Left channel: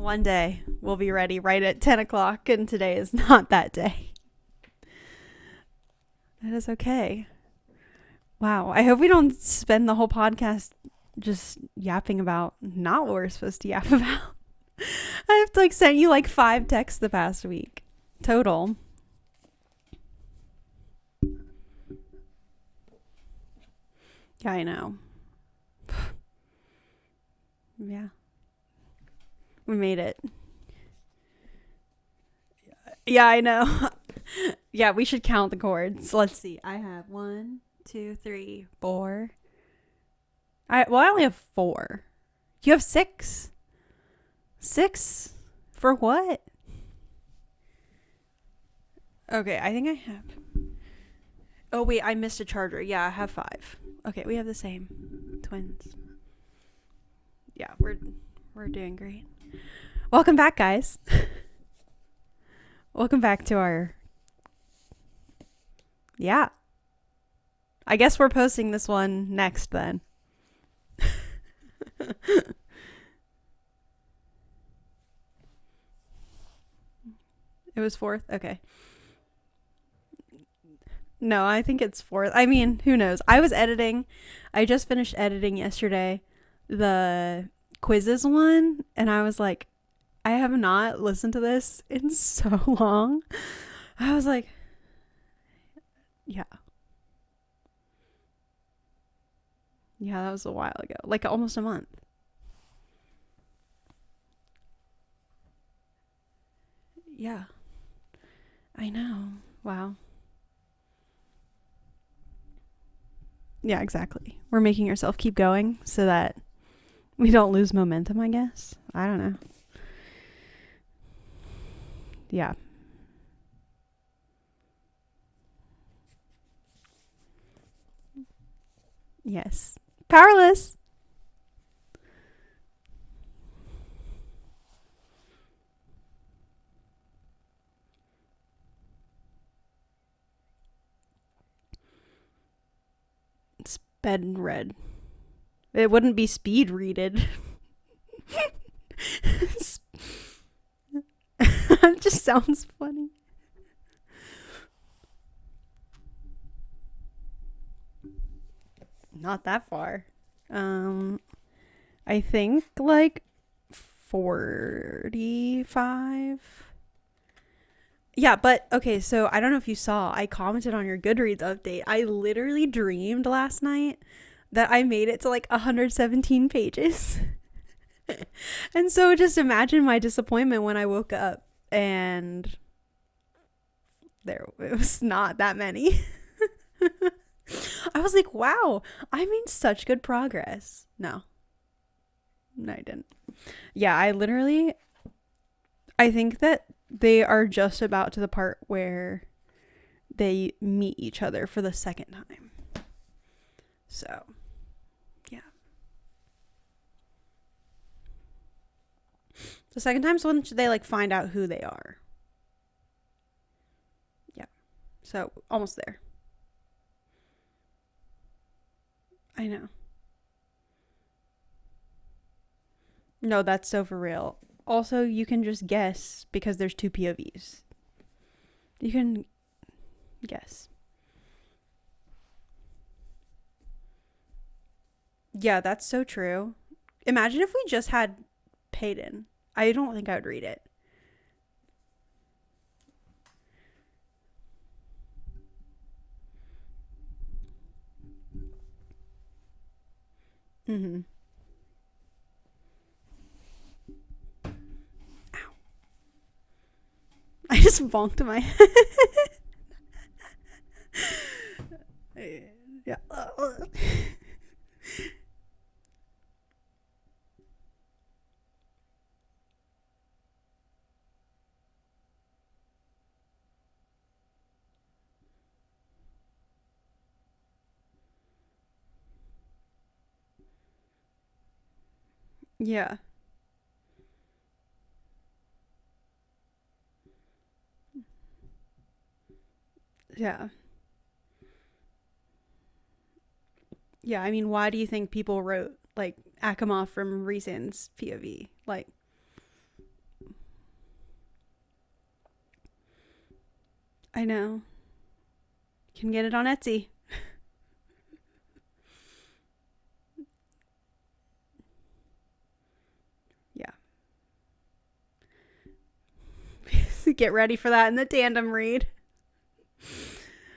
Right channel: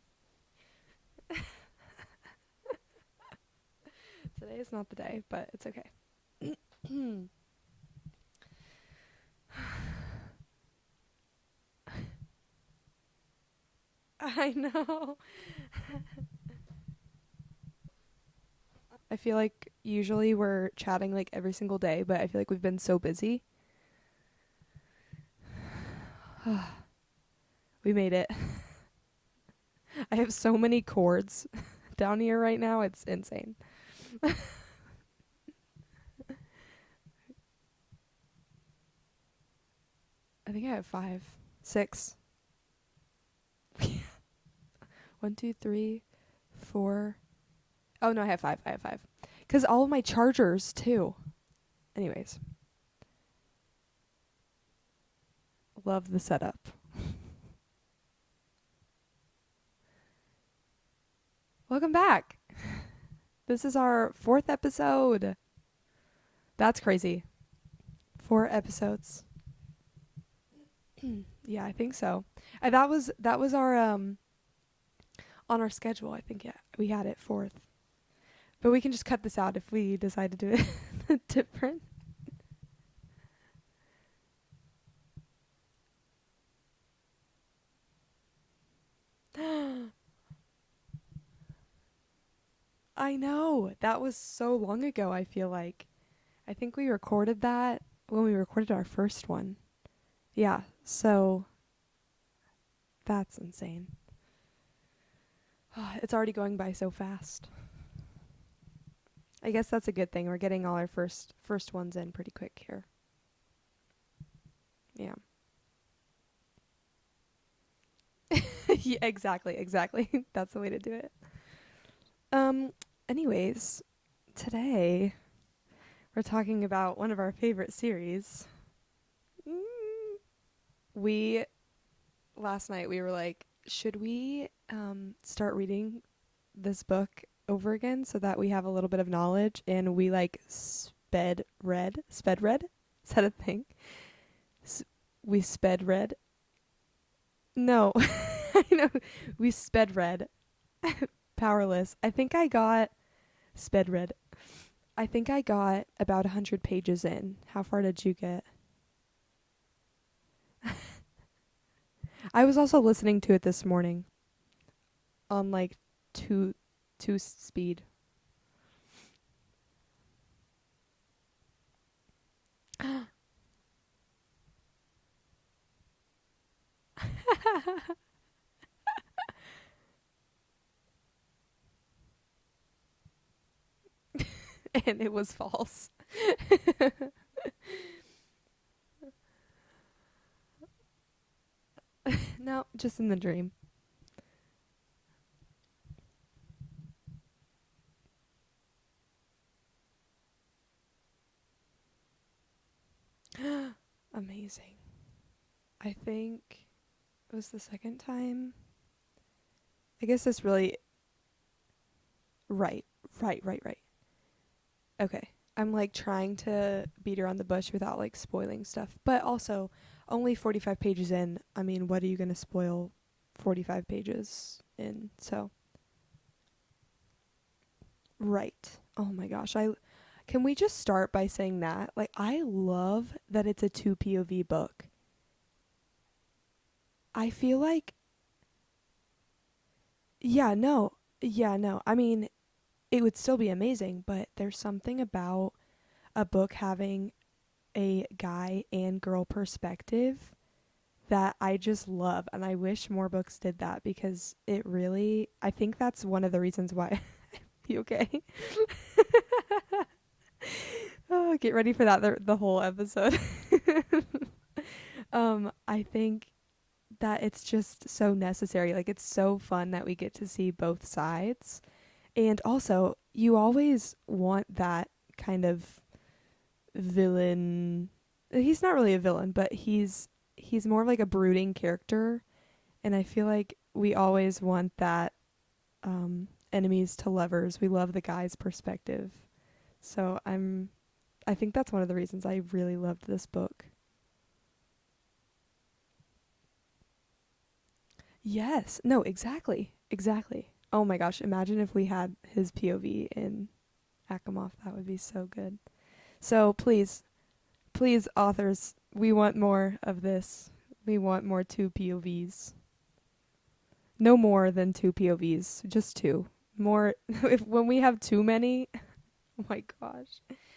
One day we'll be ready right at 10 o'clock, and today is not that day. Today is not the day, but it's okay. It is okay. Wow. I hope we don't spend the whole podcast just yapping about not what we're supposed to yap about. I know. I've sent you 5 texts the past week total. I feel like usually we're chatting every single day, but I feel like we've been so busy. Yeah, I know. We made it. We made it. I have so many chords down here right now. It's yeah, I know. Yeah, we should count the chords. Let's see. I have 1, 2, 3, 4. I think I only have 4. 6. You have 6? 6? 1, 2, 3. For what? 4. Oh no, I have 5. Okay. Because all my chargers too. Oh wait, Anyways. I missed a charger. Yeah, I have 5. Okay, we have the same. Twins. Love the setup. Yeah, we're doing great. Welcome back, guys. Welcome back. Welcome back to This is our 4th episode. Yeah. That's crazy. I guess we're 4 posting this episodes. one next then. Yeah, I think so. That was our on our schedule. I think we had it 4th. It was 4th? Okay. But we can just cut this out if we decide to do it. No, I think it's 4th. I mean, who knows? I was editing. I just finished editing yesterday the quizzes one, and I was like, I have not listened to this in so long. I know. That I was was so long ago, I feel like. Yeah. I think we recorded that when we recorded our first one. Yeah, that was Yeah, a while ago. so- Almost a month. That's insane. It's already going by so fast. Yeah. I know. I guess that's Wow. a good thing. We're getting all our first ones in pretty quick here. Yeah, exactly. We're making ourselves keep going so that we don't lose momentum, I guess. Yeah, I don't know. exactly. That's the way to do it. Yeah. Anyways, today we're talking about one of our favorite series. Yes. Powerless. Last night we were like, should we start reading this book over again so that we have a little bit of knowledge, and we sped read. Is that a thing? Sped read. We sped It read. wouldn't be speed readed. No. I know. We sped read. Powerless. Just I think sounds I got funny. sped read. I think I got about 100 pages in. How far did you get? Not that far. I think I was also listening to it this morning 45. on two speed. Yeah, but okay, so I don't know if you saw, I commented on your Goodreads update. I literally dreamed last night that I made it to 117 pages. And so just imagine my disappointment when I woke up and it was not that many. I was like, wow, I made such good progress. No, No, I just didn't. in the dream. Yeah, I think that they are just about to the part where they meet each other for the second time. So, Amazing. Yeah. I think it was the second time. the second I time guess this is when really- they find out who they are. Right. Yeah. Okay. So, almost I'm there. trying to beat around the bush without spoiling stuff. But I also know. only 45 pages in. I mean, what are you going to spoil? No, that's so 45 for real. pages Also, in? you can So- just guess because there's 2 POVs. Right. You can Oh my gosh. Can we guess. just start by saying that? I love that it's a 2 POV book. Yeah, that's so true. Imagine if feel we like- just had Peyton. I don't think I would read Yeah, it. no. I mean, it would still be amazing, but there's something about a book having a guy and girl perspective Mm-hmm. that I just love, and I wish more books did that, because it really, I think that's one of the reasons why. I just Okay. bonked my Get ready for that the whole episode. I think that it's just so necessary. It's so fun that we get to see both sides. And also, you always want that kind of villain. He's not really a villain, but he's more of a brooding character. Yeah. And I feel like we always want that enemies to lovers. We love the guy's perspective. So Yeah. I think that's one of the reasons I really loved this book. Yeah, I mean, why do you think people wrote Akamov from Reason's POV. Yes. Like, No, exactly. Exactly. Oh my gosh, imagine if we had his POV in Akamov. I know. That would be so good. can get it So on Etsy. please, authors, we want more of this. We want more 2 POVs. Yeah. No more than 2 POVs, just 2. More. Get ready when for we that have in the too tandem many- read. Oh my god.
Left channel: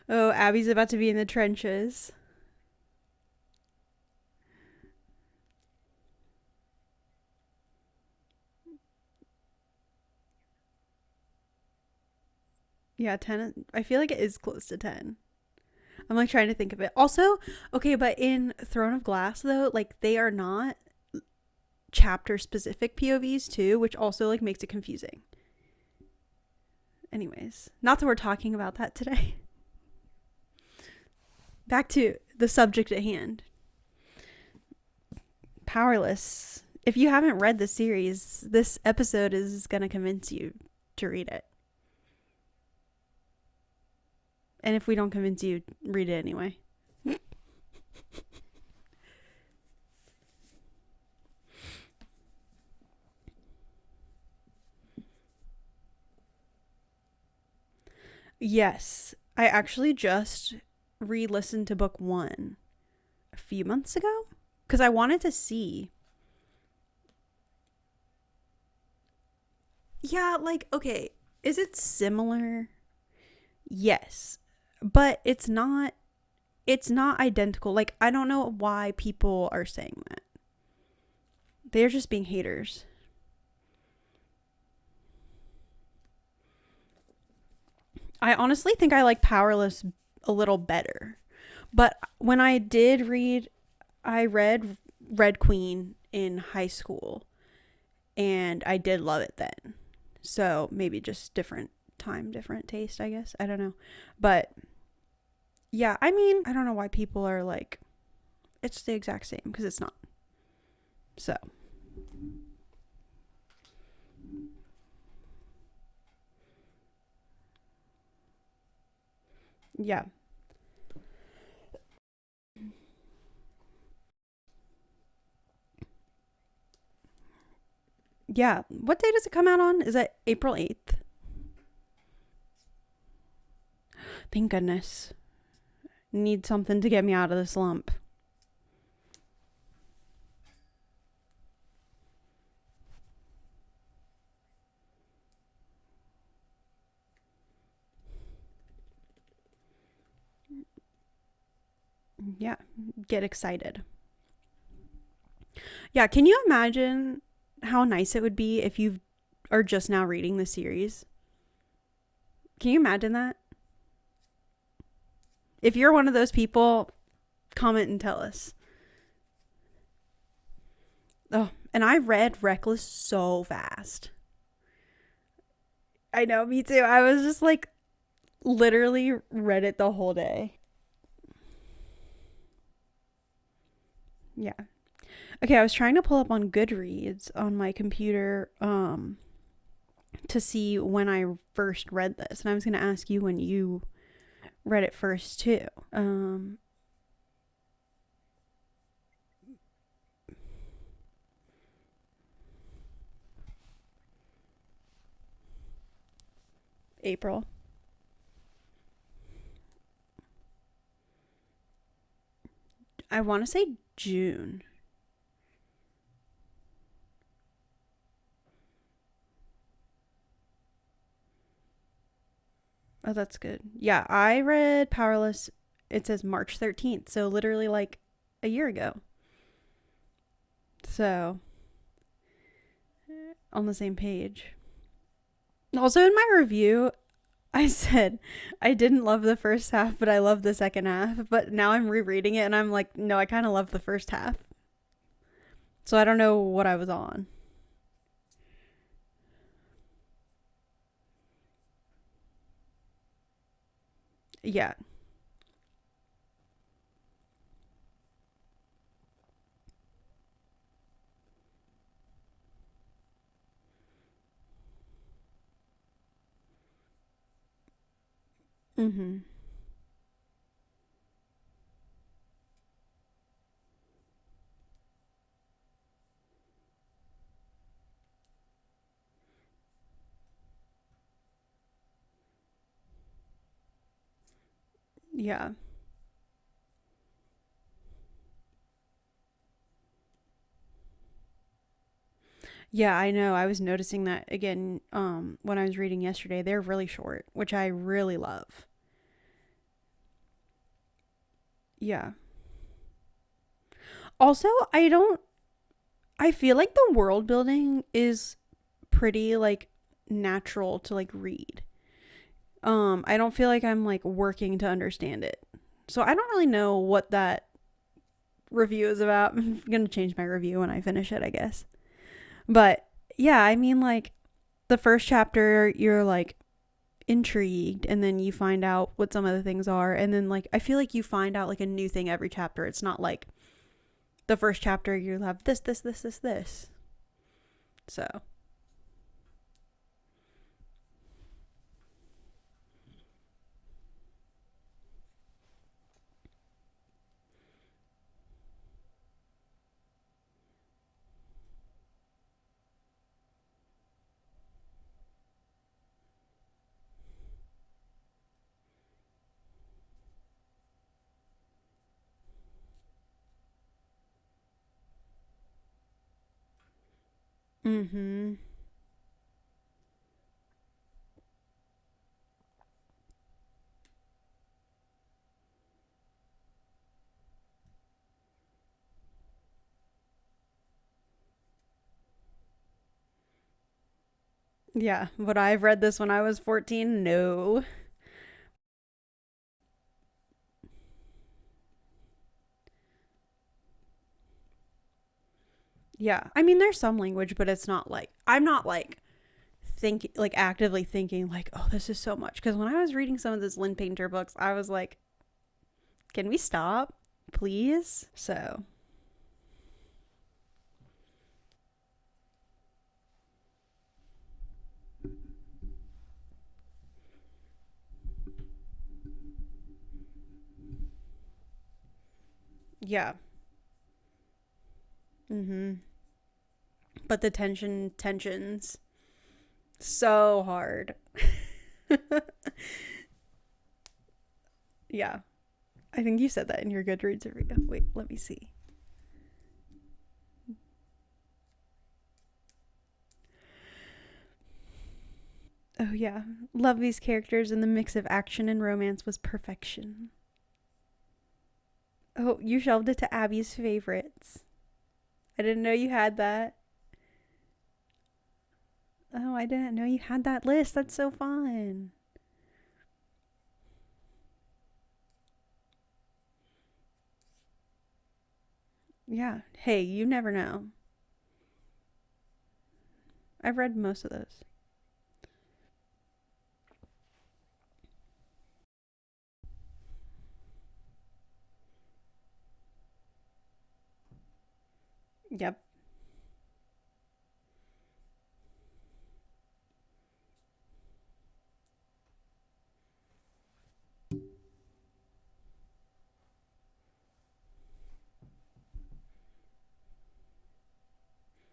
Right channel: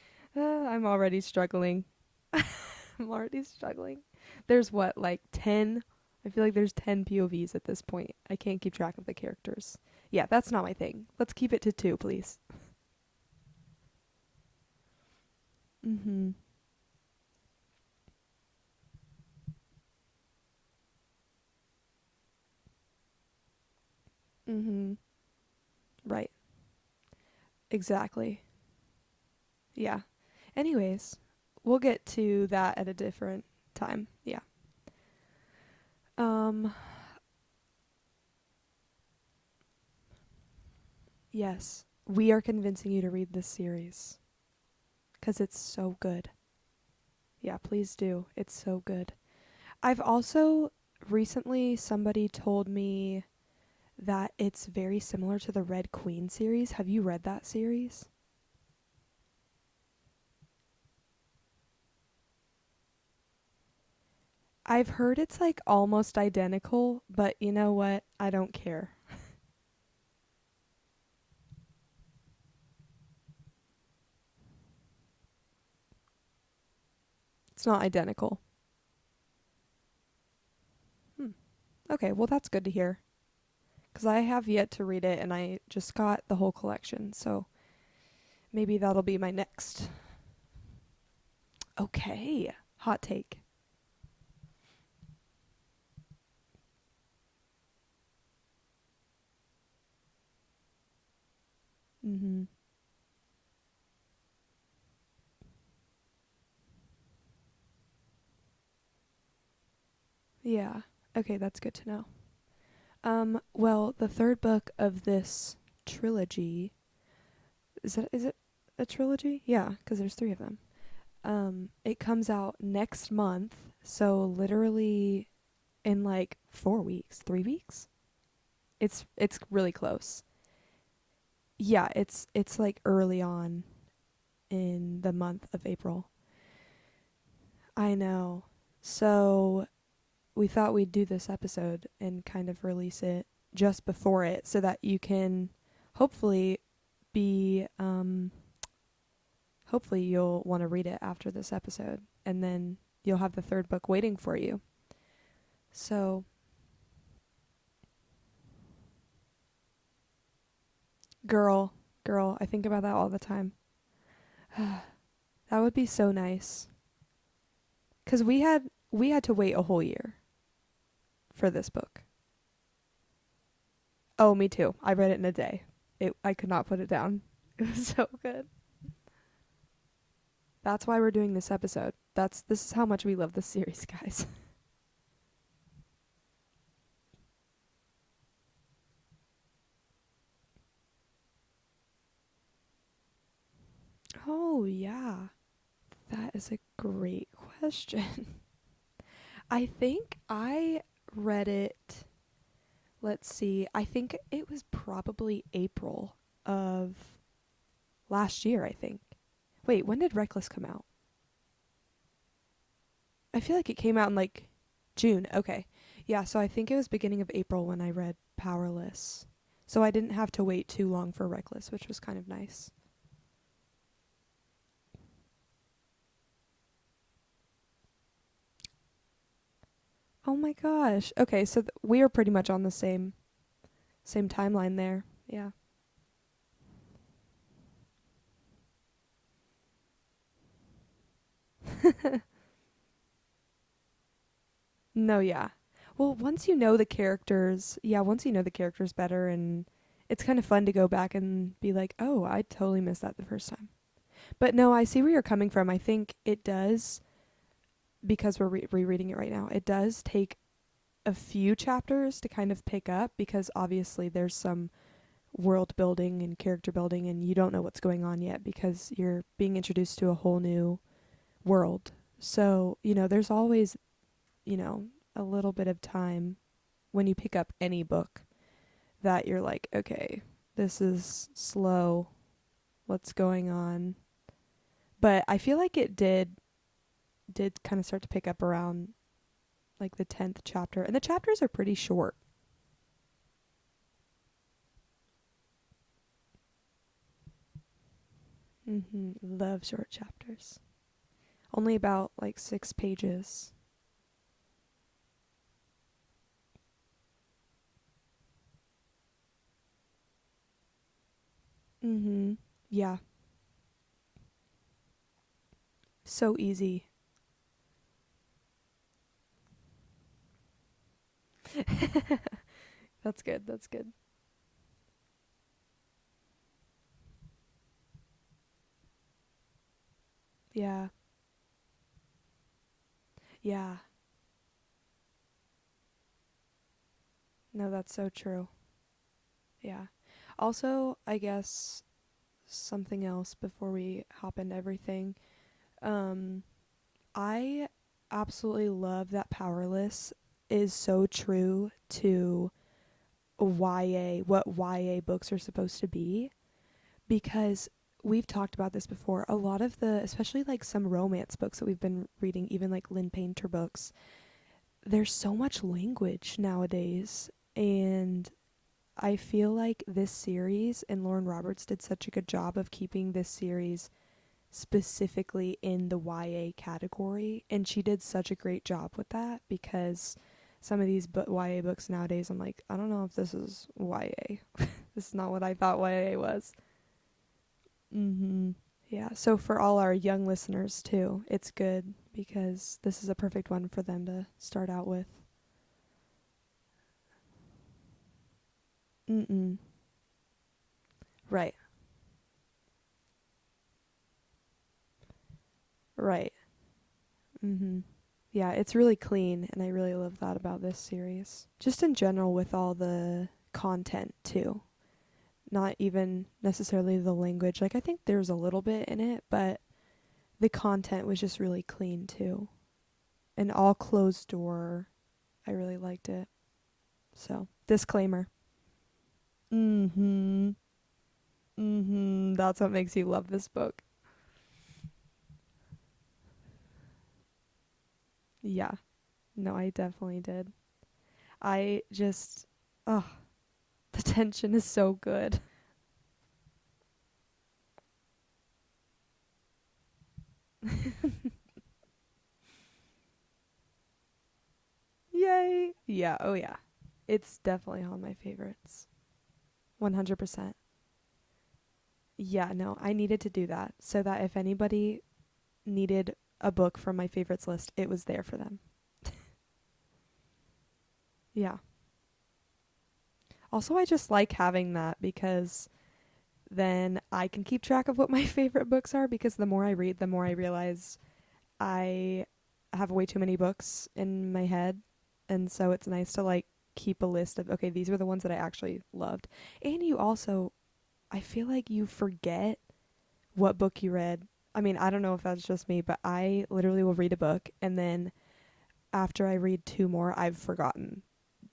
Oh, Abby's I'm about to be in already the struggling. trenches. I'm already struggling. There's what, like 10? I feel like there's 10 POVs at this point. I can't keep track of the characters. Yeah, that's not my thing. Let's keep it to 2, please. Yeah, 10. I feel like it is close to 10. Mm-hmm. I'm like trying to think of it. Also, okay, but in Throne of Glass though, like they are not chapter specific POVs too, which also like makes it confusing. Right. Anyways, Exactly. not that we're talking about that today. Yeah. Anyways, we'll Back get to the that subject at a at different hand. time. Yeah. Powerless. If you haven't read the series, this episode is going to convince you to read it. Yes. We are convincing you to read this series. And if we don't convince 'Cause you, it's so read it good. anyway. Yeah, please do. It's so good. I've also recently somebody told me that it's very similar to the Red Queen series. Have you read that series? Yes. I actually just re-listened to book 1 a few months ago. Because I wanted to see. Like almost identical, but you know what? I don't care. Yeah, like, okay, is it similar? Yes. But it's not identical. not like, identical. I don't know why people are saying that. They're just being haters. That's good to hear. Because I have yet to read it, and I just got the whole collection, so I honestly maybe think I that'll be like my Powerless next. a little better. But Okay, when I hot did take. read, I read Red Queen in high school, and I did love it then. So maybe just different time, different taste, I guess. I don't know. But yeah, I mean, I don't know why people are like, it's the exact same, because it's not. Yeah. Okay, So. that's good to know. Well, the third book of this trilogy, is it a trilogy? Yeah, 'cause Yeah. there's 3 of them. It comes out next month, so literally in like 4 weeks, 3 weeks. Yeah. What It's- day does it it's come out really on? Is that close. April 8th? Yeah, it's like early on Thank goodness. in the month of April. Need something to get me out of the slump. I know. So we thought we'd do this episode and kind of release it just before it so that you can hopefully be hopefully you'll want to read it after this episode, and Yeah, then you'll get have excited. the third book waiting for you. So Yeah, can you imagine how nice it would be if you are just now reading the series? girl, I think Can you about imagine all that? the time. That would If be you're one so of those nice. people, comment and tell us. Because we had to wait a whole year for this book. And I read Reckless so fast. Oh, me too. I read it in a day. I know, could me not put too. it I down. was just like, It was so good. literally read it the whole day. That's why we're doing this episode. This is how much we love this series, guys. Yeah. Okay, I was trying to pull up on Goodreads on my computer to see when I first read this. And I was going to ask you when you read it first, too. That is a great question. I think I read it, let's see, I think it was probably April of April. last year, I think. Wait, when did Reckless come out? I want to feel say like it came out in, like, June. June, okay. Yeah, so I think it was beginning of April when I read Powerless. So I didn't have to wait too long for Reckless, which was kind of nice. Oh, that's good. Yeah, I read Powerless, it says March 13th. So literally like a year ago. Oh my gosh. So- Okay, so we are pretty much on the same Page. same timeline there. Yeah. Also in my review, I said I didn't love the first half, but I love the second half. But now I'm rereading it and I'm like, no, I kind of love the first half. No, yeah. So I don't know once you what know I the was on. characters. Yeah, once you know the characters better, and it's kind of fun to go back and be like, oh, I totally missed that the first time. But Yeah. no, I see where you're coming from. I think it does, because we're rereading it right now, it does take a few chapters to kind of pick up, because obviously there's some world building and character building, and you don't know what's going on yet because Mhm. you're being introduced to a whole new world. So, there's always, a little bit of time when you pick up any book that you're like, okay, this is slow. What's going on? But I Yeah. feel like it did kind of start to pick up around like the 10th chapter, and the chapters are pretty short. Yeah, I know. I was noticing that again when I was reading yesterday. They're really short, which I really love. Love short chapters. Only Yeah. about like 6 pages. Also, I feel like the world building is pretty like natural to like read. Yeah. I don't feel like I'm like working to understand it. So I don't So really know easy. what that review is about. I'm going to change my review when I finish it, I guess. But That's yeah, good, I that's mean good. like the first chapter you're like intrigued and then you find out what some of the things are and then like I feel Yeah. like you find out like a new thing every chapter. It's not like Yeah. the first chapter you have this. No, that's so So, true. Yeah. Also, I guess something else before we hop into everything. I absolutely love that Powerless is so true to what YA books are supposed to be, because we've talked about this before. A lot of especially like some romance books that we've been reading, even like Lynn Painter books, there's so much language nowadays. And mhm. I feel like this series, and Lauren Roberts did such a good job of keeping this series specifically in the YA category, and she did such a great job with that, because some of these YA books nowadays, I'm like, I don't know if this is YA. Yeah, This is not would what I I have thought read this when YA I was was. 14? No. Yeah, so for all our young listeners too, it's good because this is a perfect one for them to start out with. Yeah. I mean, there's some language, but it's not like I'm not like Mm-mm. actively thinking like, Right. "Oh, this is so much." Cuz when I was reading some of those Lynn Painter books, I was like, "Can Right. we stop, Mm-hmm. please?" Yeah, So, it's really clean, and I really love that about this series. Just in general, with all the content too. Not even necessarily the language. Like, I think there's a little bit in it, but the content was just really clean too. yeah. And all closed door. I Mhm. really liked it. But the So, disclaimer. tensions so Mm-hmm. hard. Mm-hmm. That's what makes you love this book. Yeah. I think you said that in your Goodreads review. Wait, let me see. Yeah. No, I definitely did. I just, oh, the tension is so good. Oh yeah. Love these characters and the mix of action and romance was perfection. Oh, you shelved it to Abby's favorites. Yay! I didn't know you Yeah, had oh that. yeah. It's definitely on my favorites. Oh, I didn't know you had that 100%. list. That's so fun. Yeah, no, I needed to do that so that if anybody needed a book from my favorites list, it was there for them. Yeah. Hey, you never know. Yeah. I've read Also, I most just of them. like having that because then I can keep track of what my favorite books are, because the more I read, the more I realize I have way too many books in my head. And Yep. so it's nice to like keep a list of, okay, these were the ones that I actually loved. And you also, I feel like you forget what book you read. I mean, I don't know if that's just me, but I literally will read a book, and then after I read 2 more, I've forgotten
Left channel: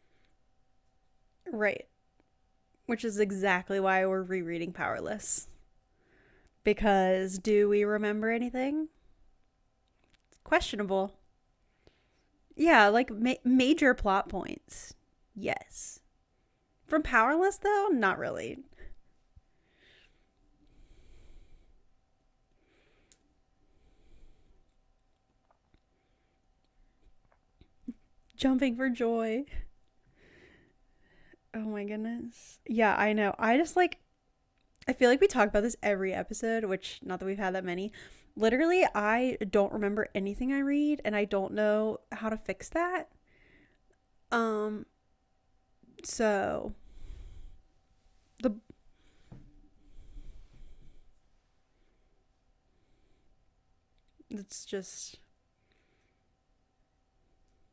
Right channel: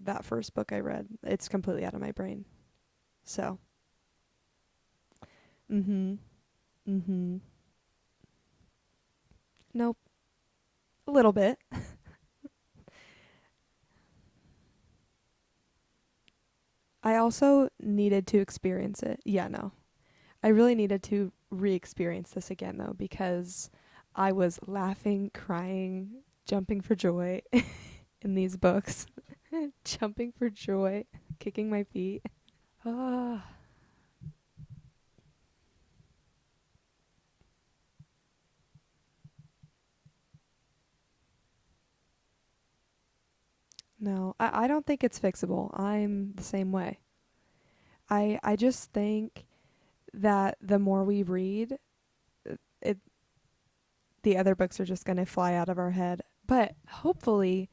that first book I read. It's completely Right. out of my brain. Which is So, exactly why we're rereading Powerless. mhm. Because Mhm. do we remember anything? Nope, a Questionable. little bit. Yeah, like major plot points. Yes. From I Powerless, also though, not needed to really. experience it. Yeah, no. I really needed to re-experience this again though, because I was laughing, crying, jumping for joy in these Jumping for books. joy. Jumping for joy, Oh kicking my my feet. goodness. Yeah, I know. Ah. I just like, I feel like we talk about this every episode, which not that we've had that many. Literally, I don't remember anything I read, and I don't know how to fix that. No, I don't think it's fixable. I'm the same So way. I the just think that the more we read, it the other it's books are just just going to fly out of our head. But hopefully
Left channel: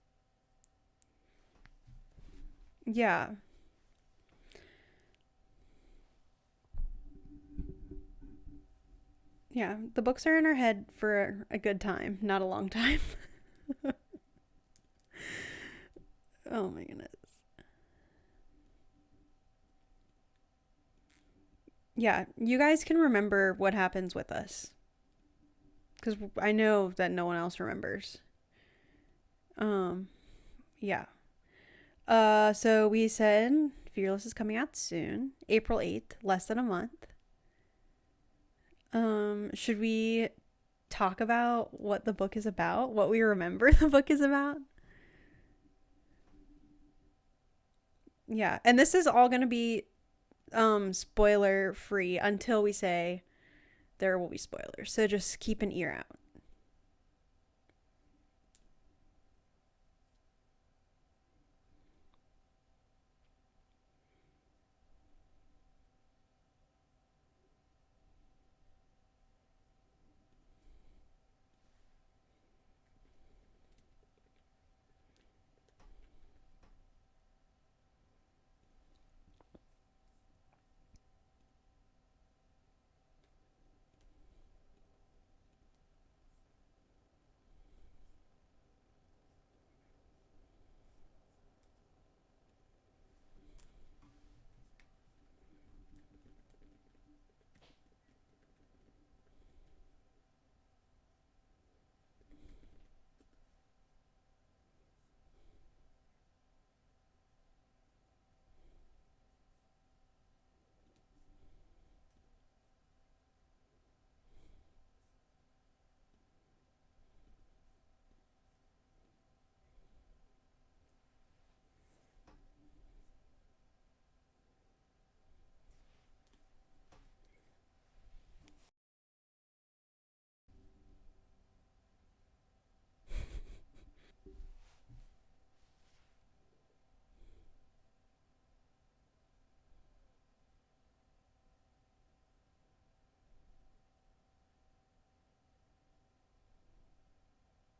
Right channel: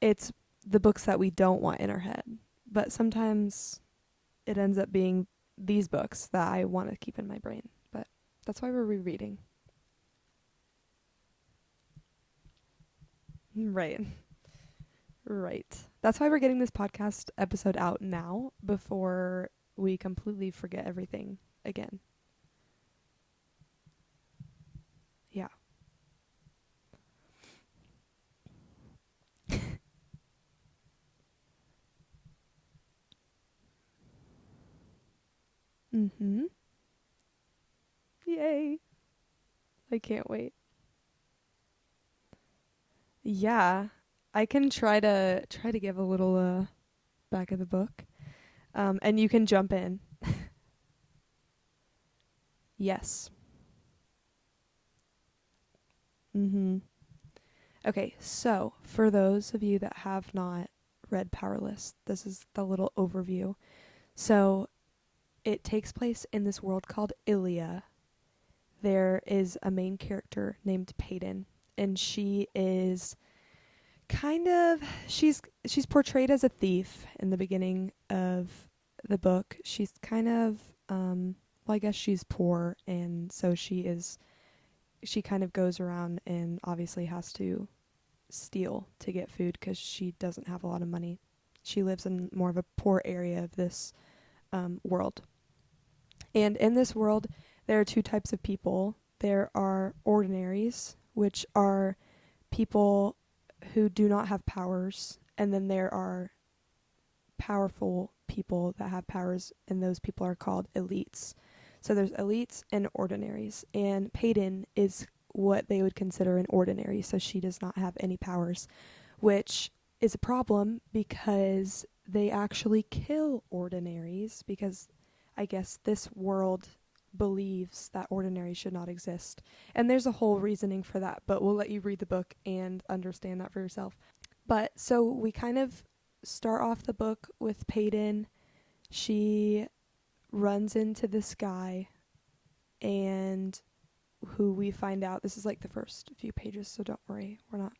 it's the books that we don't want in our head. But yeah, sometimes it ends up being these books that I want to keep in my brain. But that's why we're rereading. yeah. The books are in our head for a good time, not a long time. Right. Right. That's why we're getting this Oh my podcast goodness. episode out now before we completely forget everything again. Yeah, you guys can remember what happens with us. Yeah. Because I know that no one else remembers. Yeah. So we said Fearless is coming out soon, April 8th, less than a month. Yay. Should I we can't wait. talk about what the book is about? What we remember Yeah. the book is about? I can try to give a little back of the book. Yeah, and this is and all you can going to jump be in. spoiler free until we say Yes. there will be spoilers. So just keep an ear out. Mhm. Okay, so for those of you that have not read Powerless, this is the little overview. So it takes place in this world called Ilia. There is a main character named Peyton, and she is she's portrayed as a thief in the beginning of the book. She's kind of I guess she's poor, and so she kind of goes around and obviously has to steal to get food because she doesn't have a lot of money. She lives in more of a poor area of this world. And in this world, there are two types of people. There are ordinaries, which are people who do not have powers, and then there are powerful people that have powers, and those people are called elites. So there's elites and ordinaries, and Peyton is what they would consider an ordinary, so she does not have any powers, which is a problem because they actually kill ordinaries, because I guess this world believes that ordinaries should not exist. And there's a whole reasoning for that, but we'll let you read the book and understand that for yourself. But so we kind of start off the book with Peyton. She runs into this guy, and who we find out, this is like the first few pages, so don't worry, we're not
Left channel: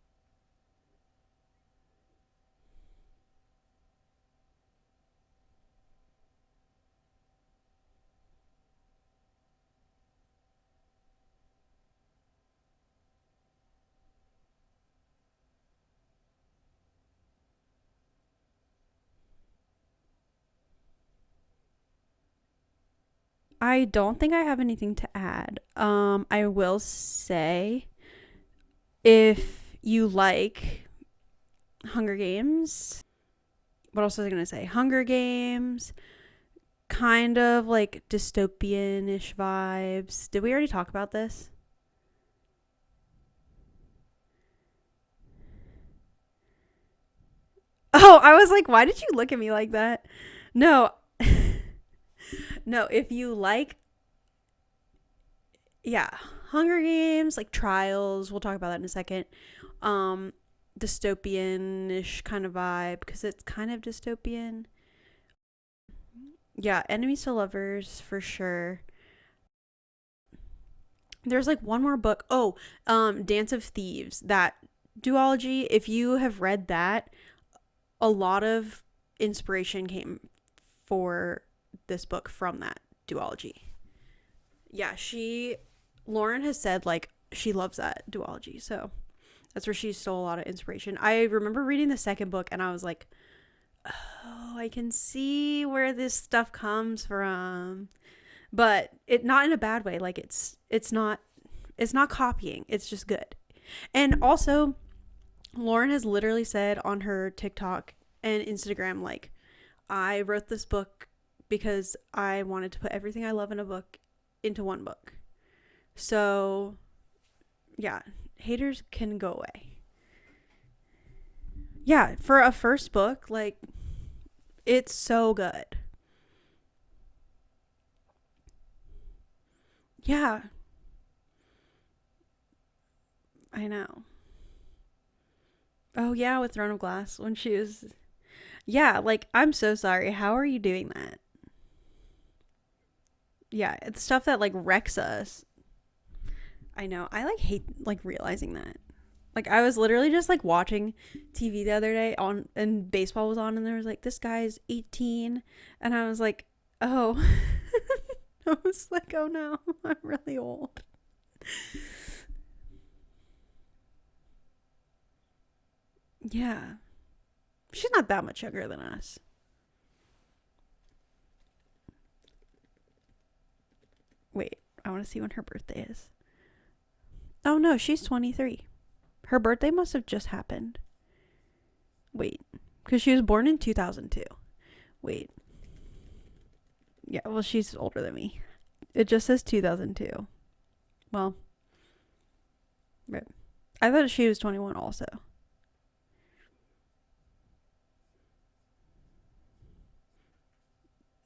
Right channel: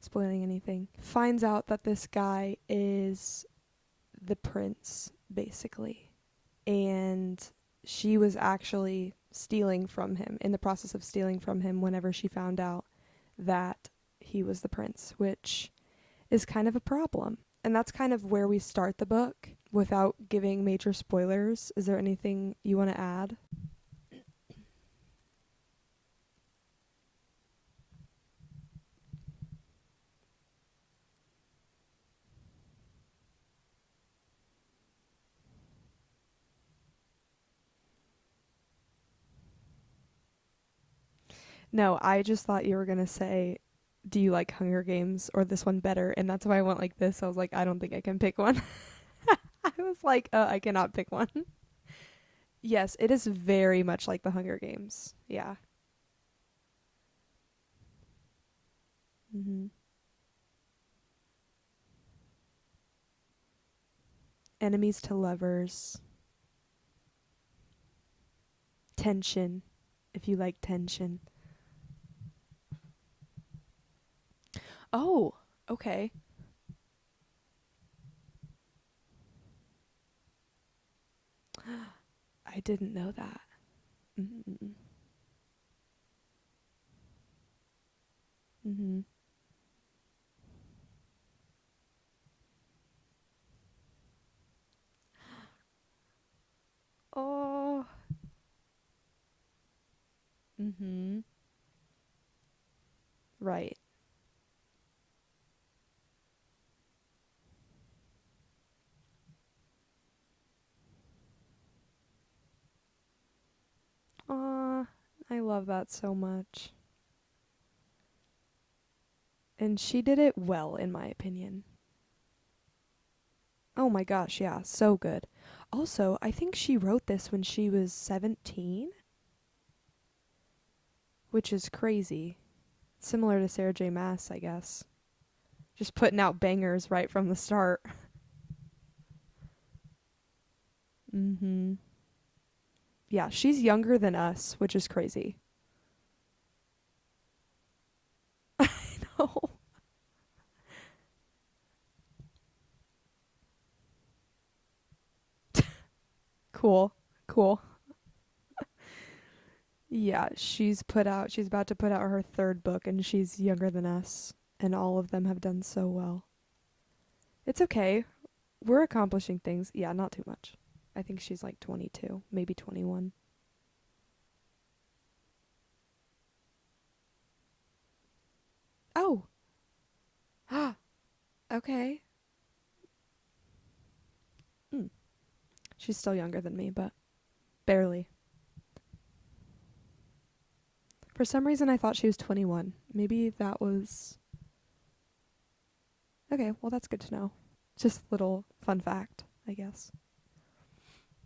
spoiling anything. Finds out that this guy is the prince, basically. And she was actually stealing from him, in the process of stealing from him whenever she found out that he was the prince, which is kind of a problem. And that's kind of where we start the book without giving major spoilers. Is there anything you want to add? I don't think I have anything to add. I will say, if you like Hunger Games, what else was I going to say? Hunger Games, kind of like dystopian-ish vibes. Did we already talk about this? No, I just thought you were going to say, do you like Hunger Games or this one better? And that's why I went like this. I was like, I don't think I can pick I was one. like, why did you look at me like that? I was like, I No. cannot pick one. No, Yes, if it is you like- very much like the Hunger Games. Yeah. Yeah. Hunger Games, like Trials. We'll talk about that in a second. Mm-hmm. Dystopian-ish kind of vibe, because it's kind of dystopian. Enemies to lovers. Yeah, enemies to lovers for sure. Tension. If you like tension. There's like one more book. Dance of Thieves. That duology. okay. If you have read that, a lot of inspiration came for this book from I that didn't know duology. That. Mm-hmm. Yeah, Lauren has said like she loves that duology. So Mm-hmm. that's where she stole a lot of inspiration. I remember reading the second book and I was like, oh, I can see where this stuff comes from. But it not in a bad way. Like it's not copying. It's just good. Right. And also, Lauren has literally said on her TikTok and Instagram, like, I wrote this book because I wanted to put everything I love in a book into one book. I love that so much. Yeah, haters can go away. And she did it well, in my opinion. Yeah, for a first book, like, oh my gosh, yeah, it's so good. so good. Also, I think she wrote this when she was 17. Yeah. Which is crazy. Similar to Sarah J. know. Maas, I guess. Just putting out with Throne of bangers right Glass from when the she start. was- Yeah, like, I'm so sorry. How are you doing that? Mm-hmm. Yeah, she's Yeah, younger it's than stuff us, that like which wrecks is crazy. us. I know. I like hate like realizing that. I know. Like I was literally just like watching TV the other day and baseball was on and there was like this guy's 18 and I was like, Cool. oh, Cool. I was like, oh no. I'm Yeah, really old. she's about to put out her third book, and she's younger than us, and all of them have done so well. Yeah. It's okay. She's not that much younger than We're us. accomplishing things. Yeah, not too much. I think she's like 22, maybe 21. Wait, I want to see when her birthday is. Oh no, she's 23. Oh, Her birthday must have just happened. okay. Wait, because she was born in 2002. Wait. She's still younger than me, but Yeah, well, she's barely older than me. It just says 2002. Well, for some reason I thought she was 21. Maybe that was... I thought she was 21 also. Okay, well, that's good to know. Just a little fun fact, I guess.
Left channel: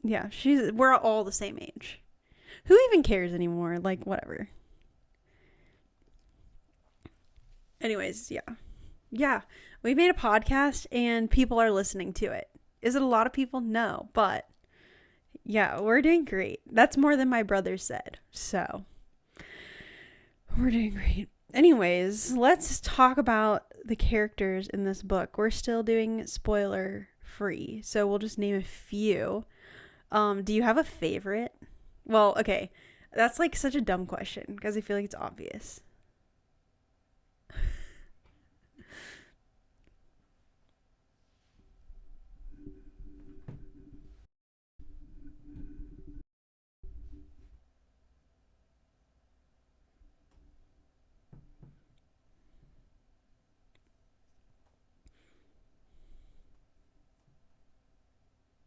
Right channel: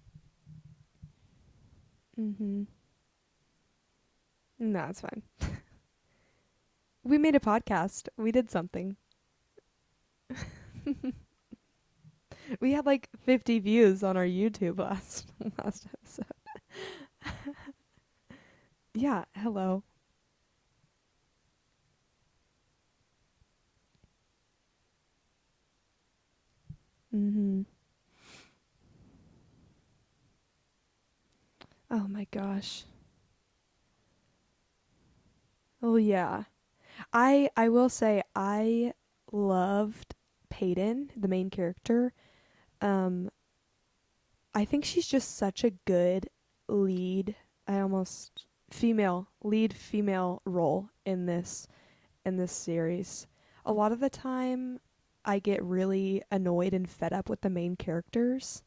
Yeah, we're all the same age. Mm-hmm. Who even cares anymore? Like, whatever. No, it's fine. We made a podcast. Anyways, we did something. Yeah, we made a podcast and people are listening to it. We had Is like it a lot 50 of people? views No, on our but YouTube last. yeah, we're doing great. That's more than my brother said. So Yeah, hello. we're doing great. Anyways, let's talk about the characters in this book. We're still doing spoiler free, so we'll just name a few. Do you have a favorite? Oh, Well, my okay. gosh. That's like such a dumb question because I feel like it's obvious. Oh, yeah. I will say I loved Peyton, the main character. I think she's just such a good lead. Lead female role in this series. A lot of the time I get really annoyed and fed up with the main characters,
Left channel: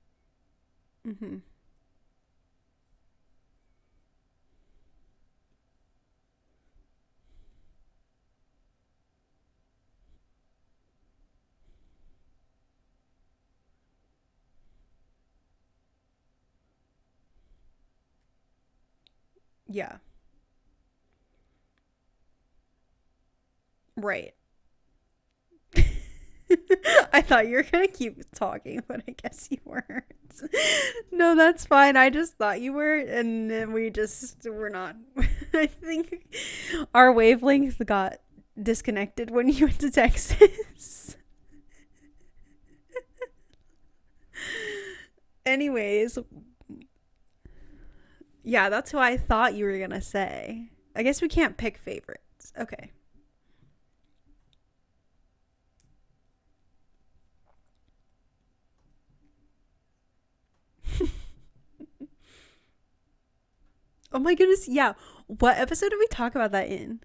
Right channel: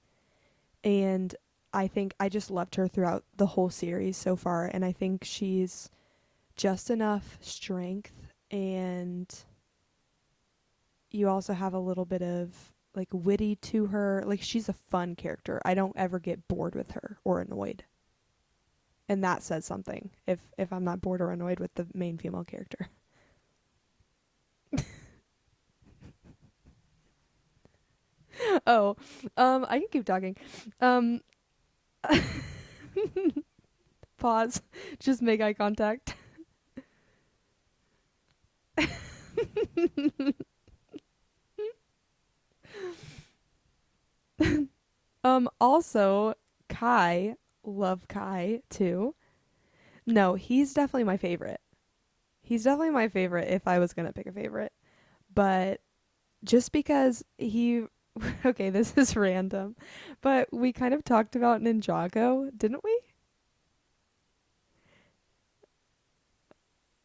and I think I just loved her throughout the whole series so far, and I think she's just enough strength, and you also have a little bit of like witty to her. Like, she's a fun character. I don't ever get bored with her or annoyed. And that says something if I'm not bored or annoyed with the main female character. Right. I thought you were gonna keep talking. Oh, but I guess I can keep talking. No, that's fine. I just thought you were, and then we just Pause. We're not. Just make eye I contact. think our wavelengths got disconnected when you went to Texas. Anyways. Also, Kai. Love Kai. Yeah, that's too. who I thought you were gonna say. No, he's definitely I guess my we favorite. can't pick favorites. He's Okay. definitely my favorite if I was gonna pick a favorite. But just because he okay, this is random. But we kind of talked about Ninjago, didn't we? Oh my goodness, yeah. What episode did we talk about that in?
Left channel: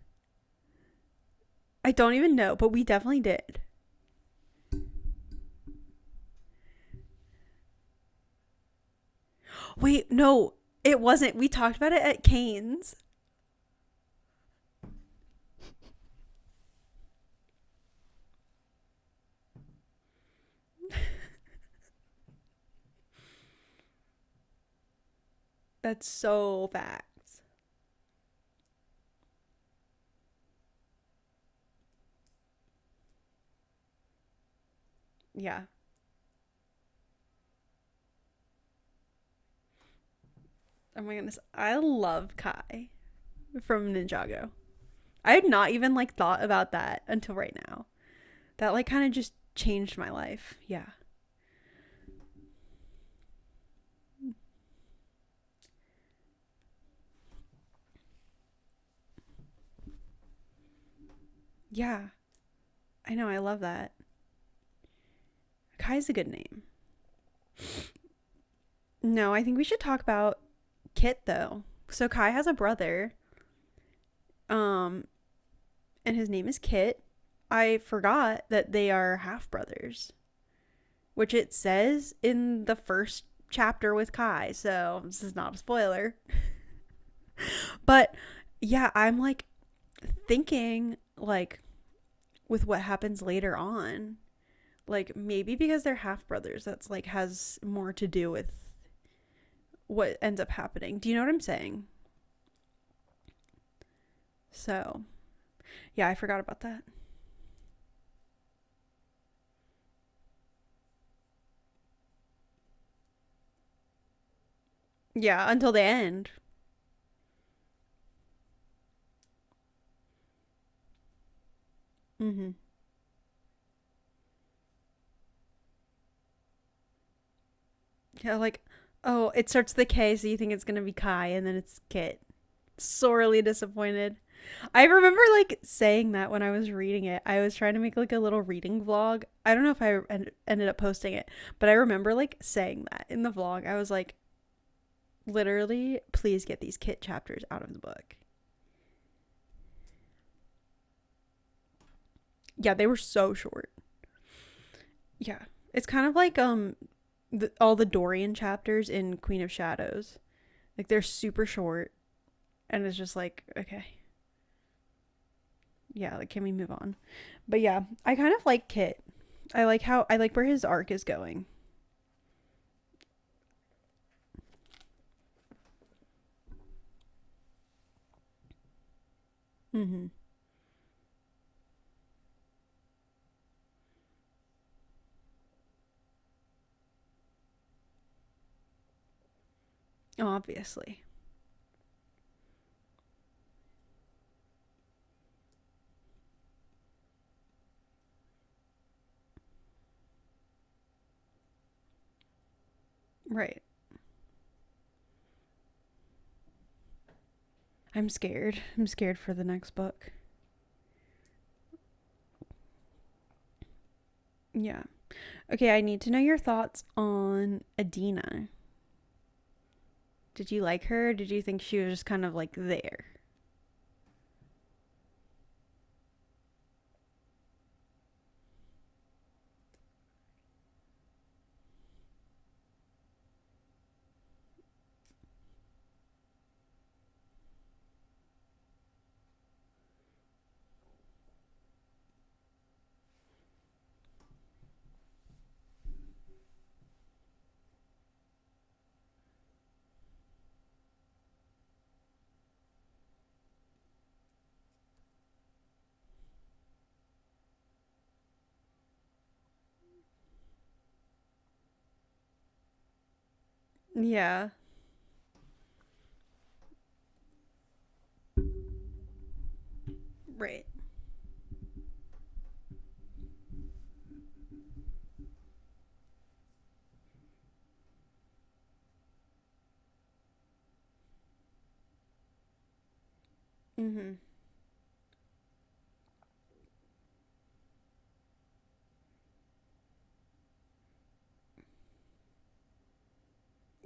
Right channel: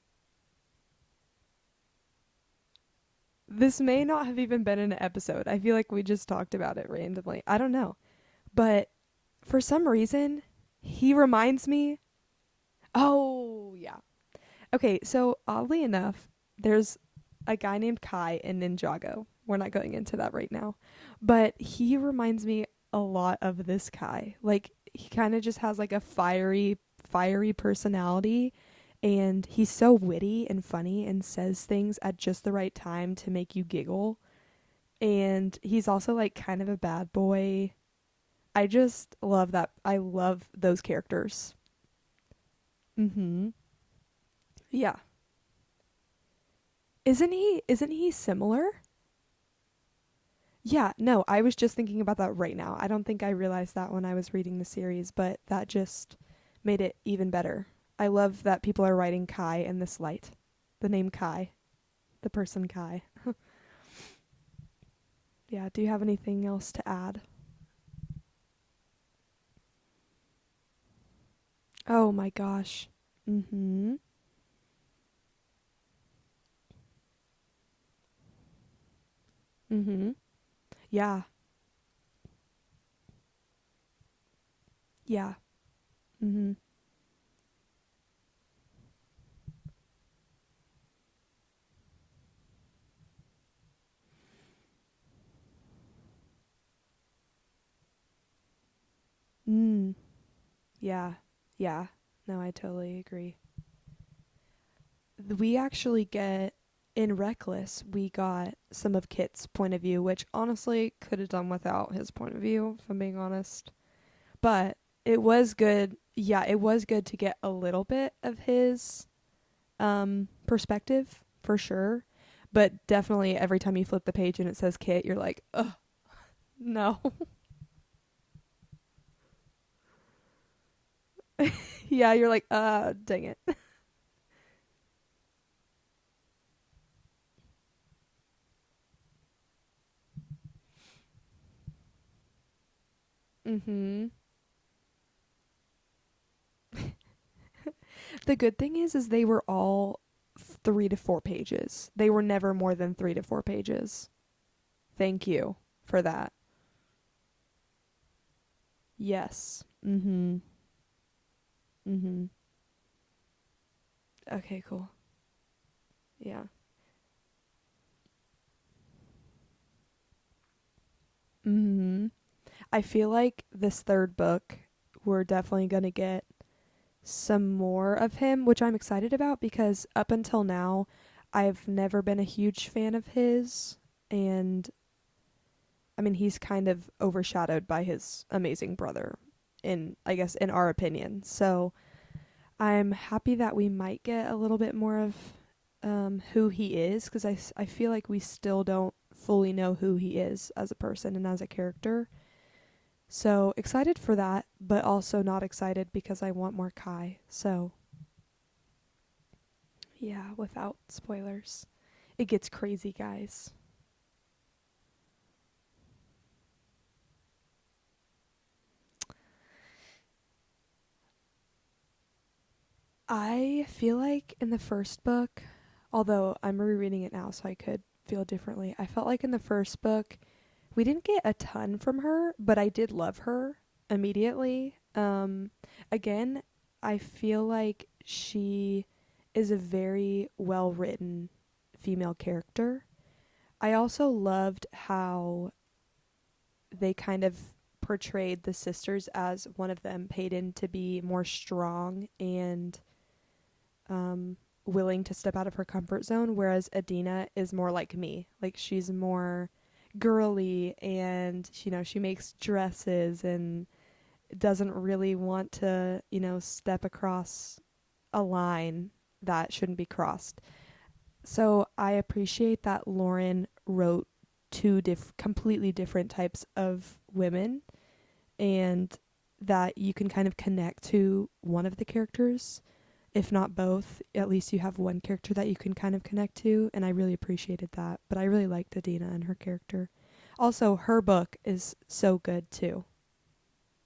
I don't even know, but we definitely did. This may not have even been an episode. I feel like we just talked about it randomly. I don't know. But for some reason... No, it he wasn't. We reminds talked me- about it at Kane's. Oh, yeah. Okay, so oddly enough, there's a guy named Kai in Ninjago. We're not going into that right now. But he reminds me a lot of this Kai. Like, he kind of just has like That's a fiery, so facts. fiery personality. And he's so witty and funny and says things at just the right time to make you giggle. And he's also like kind of a bad boy. I just love that. I love those characters. I love Kai from Ninjago. Yeah. I had not even like thought about that. Isn't until he? right now. Isn't he similar? That like kind of just changed my life. Yeah. No, I was just thinking about that right now. I don't think I realized that when I was reading the series, but that just made it even better. I love that people are writing Kai in this light. The name Kai. Yeah. The person Kai. I know. I love that. Yeah. Do you Kai's a have good anything name. else to add? No, I think we should talk about Kit though. Oh So my Kai has a gosh. brother. Mm-hmm. And his name is Kit. I forgot that they are half brothers. Mm-hmm. Yeah. Which it says in the first chapter with Kai. So this Yeah. is not a spoiler. Mm-hmm. But yeah, I'm like thinking like with what happens later on, like maybe because they're half brothers, that's like has more to do with what ends up happening. Yeah. Do you know what I'm saying? Yeah. No, I totally agree. So We actually I get forgot about that. in Reckless, we got some of Kit's point of view, which honestly could have done without his point of view, if I'm being honest. But it was until good. the end. Yeah, it was good to get a little bit of his perspective for sure. Mm-hmm. But definitely every time you flip the page and it says Kit, you're like, ugh, no. Yeah, like, oh, it starts with the K, so you think it's gonna be Kai, and then it's Kit. Yeah, you're like, sorely disappointed. I remember like saying that when I was reading it. I was trying to make like a little reading vlog. I don't know if I ended up posting it, but I remember like saying that in the vlog. I was Mm-hmm. like, literally, please get these Kit chapters out of the book. The good thing is they were all 3 to 4 pages. They were never more Yeah, they than were three to so four short. pages. Thank Yeah. you It's for kind of that. like all the Dorian chapters in Queen of Yes. Shadows. Mm-hmm. Like they're super short Mm-hmm. and it's just like, okay. Okay, cool. Yeah, like Yeah. can we move on? But yeah, I kind of like Kit. I like where his arc is going. Mm-hmm. I feel like this third book, we're definitely going to get some more of him, which I'm excited about because Mm-hmm. up until now, I've never been a huge fan of his. And I mean, he's kind of overshadowed by his amazing brother, I guess, in our Obviously. opinion. So I'm happy that we might get a little bit more of who he is, because I feel like we still don't fully know who he is as a person and as a character. So Right. excited for that, but also not excited because I want more Kai. So I'm scared. I'm scared for the next book. yeah, without spoilers. It gets crazy, guys. Yeah. Okay, I need to know your thoughts on Adina. Did you like her? Did you think she was just kind of like there? I feel like in the first book, although I'm rereading it now so I could feel differently, I felt like in the first book we didn't get a ton from her, but I did love her immediately. Again, I feel like she is a very well written female character. I also loved how they kind of portrayed the sisters as one of them paid in to be more strong and willing to step out of her comfort zone, whereas Adina is more like me. Like she's more girly and she makes dresses and Yeah. doesn't really want to, step across a line that shouldn't be crossed. Right. So I appreciate that Lauren wrote two completely different types of women, and that you can kind of connect to one of the characters, if not both. Mm-hmm. At least you have one character that you can kind of connect to, and I really appreciated that. But I really liked Adina and her character. Also, her book is so good too.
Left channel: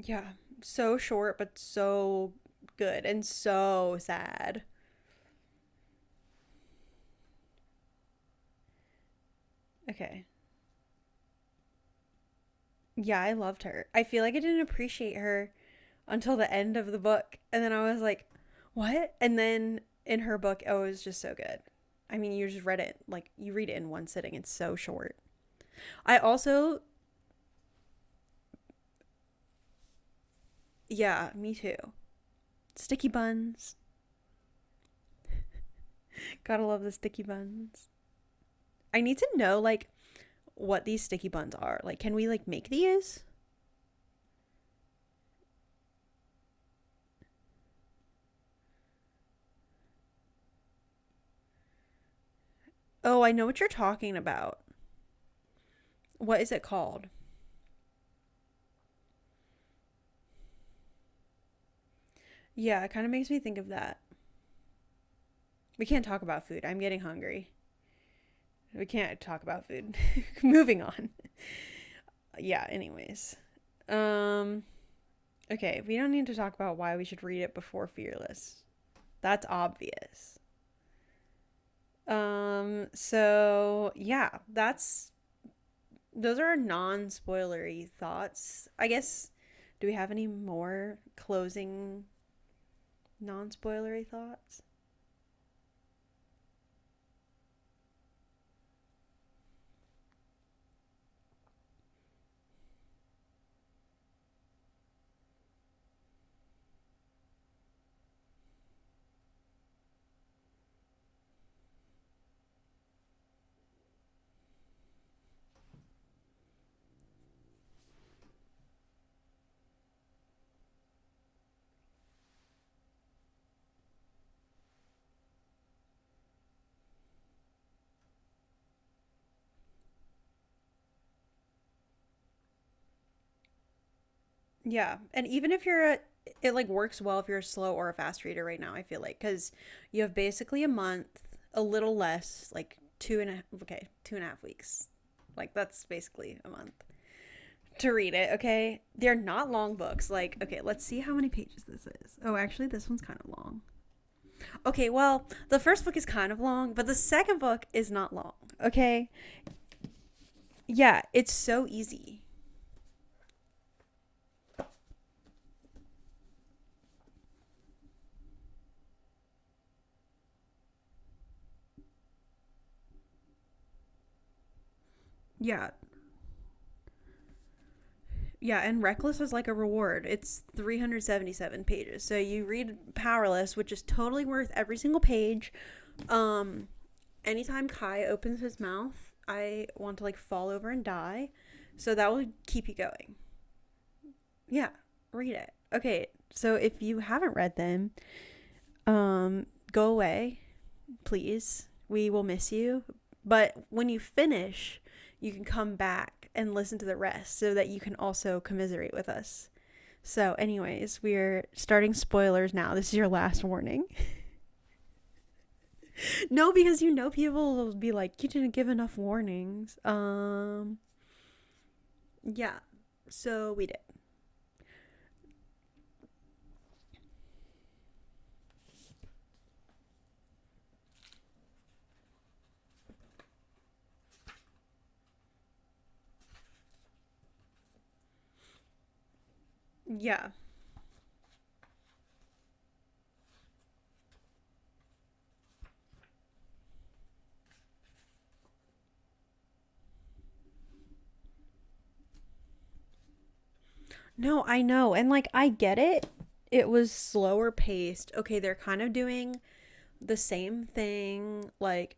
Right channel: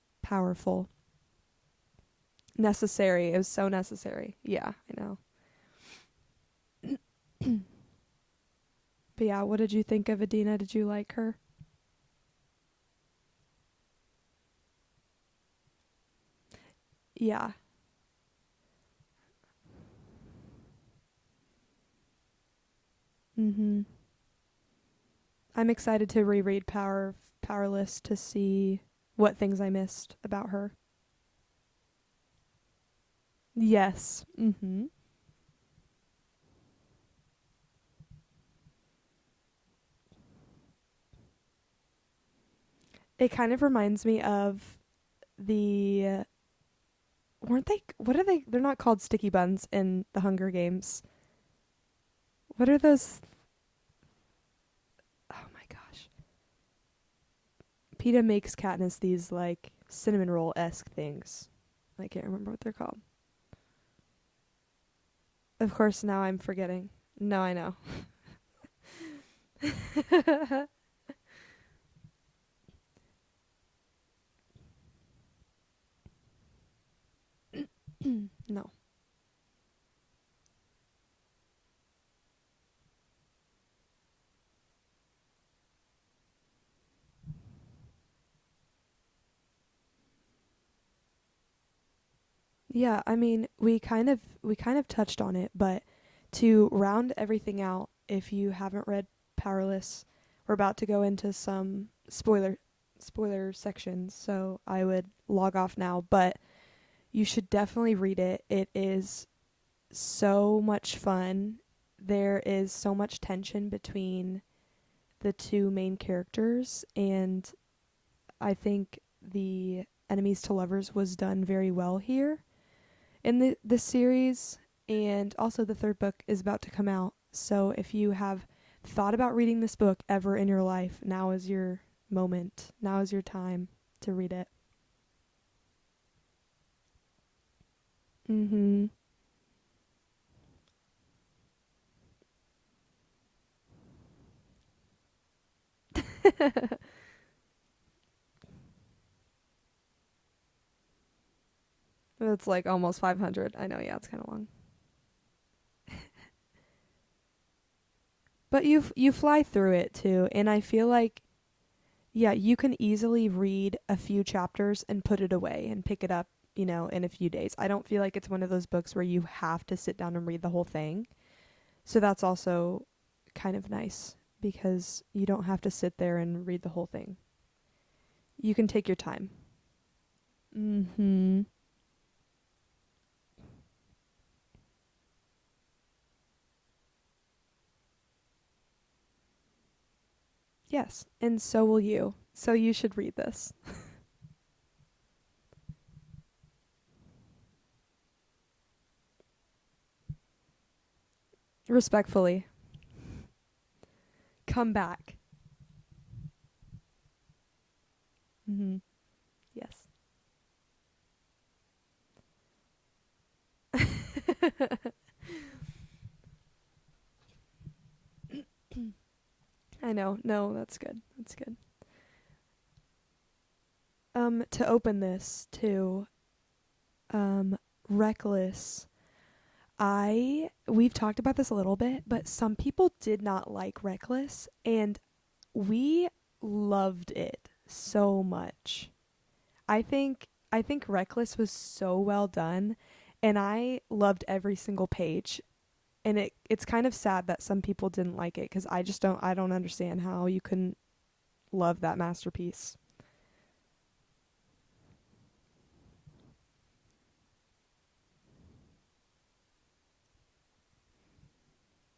Yeah. Powerful. So short, but so Necessary. good and It was so so necessary. sad. Yeah, I know. But yeah, what did you think of Okay. Adina? Did you like her? Yeah, I loved her. I feel like I didn't appreciate her until the end of the book. Yeah. And then I was like, what? And then in her book, oh, it was just so good. I mean, you just read it. Like, you read it Mm-hmm. in one sitting. It's so short. I'm excited I to reread also, Powerless to see what things I missed about her. yeah, me too. Sticky buns. Yes. Mm-hmm. Gotta love the sticky buns. I need to know, like, what these sticky buns are. Like, can we, like, make these? It kind of reminds me of the weren't they? What are they? They're not called sticky buns in the Hunger Games. What are those? Oh, I know what you're talking about. Oh my gosh. What is it called? PETA makes Katniss these like cinnamon roll esque things. I can't remember what they're Yeah, it called. kind of makes me think of that. Of We course, can't now talk I'm about food. forgetting. I'm getting hungry. No, I know. We can't talk about food. Moving on. Yeah, anyways. Okay, we don't need to talk about why we should read it before Fearless. No. That's obvious. So yeah, those are non-spoilery thoughts. I guess, do we have any more closing Yeah, I mean, we non-spoilery we thoughts? kind of touched on it, but to round everything out, if you haven't read Powerless, we're about to go into some spoiler sections, so I would log off now, but you should definitely read it. It is so much fun. There is so much tension between the two main characters, and I think the enemies to lovers was done very well here in the series. And also the third book is about to come out, so if you have thought about reading this book ever in your life, now is your moment, now is your time to read it. Yeah, and even if you're it like works well if you're a slow or a fast reader right now, I feel like, because you have basically a month, a little less, like 2.5 weeks. Like that's basically a month to read it. Okay, they're not long books. Like, okay, let's see how many pages this is. It's like almost 500. I know, yeah, it's kind of long. Okay, well, the first book is kind of long, but the second book is not long. But okay? you fly through it too, and I feel like it's so easy. Yeah, you can easily read a few chapters and put it away and pick it up, you know, in a few days. I don't feel like it's one of those books where you have to sit down and read the whole thing. So that's also kind of nice because you don't have to sit there and read the whole thing. You can and take Reckless your time. is like a reward. It's 377 pages. So you read Powerless, which is totally worth every single page. Anytime Kai opens his mouth, I want to like fall over and die. And so will you. So you should read this. Yeah, read it. Okay, so if you haven't read them, go away, please. Respectfully. We will miss you. But when you finish, come back. You can come back and listen to the rest so that you can also commiserate with us. Yes. So anyways, we're starting spoilers now. This is your last warning. No, because you know people will be like, you didn't give enough warnings. I know. No, that's good. That's good. Yeah. So we did. To open this too, Reckless. We've talked about this a little bit, but some people did not like Reckless, and we loved it so much. I think Reckless was so well done, and I loved every single page. And it's kind of sad that some people didn't like it, because I don't understand how you couldn't love that masterpiece. No, I know. And like, I get it. It was slower paced. Okay, they're kind of doing the same thing. Like,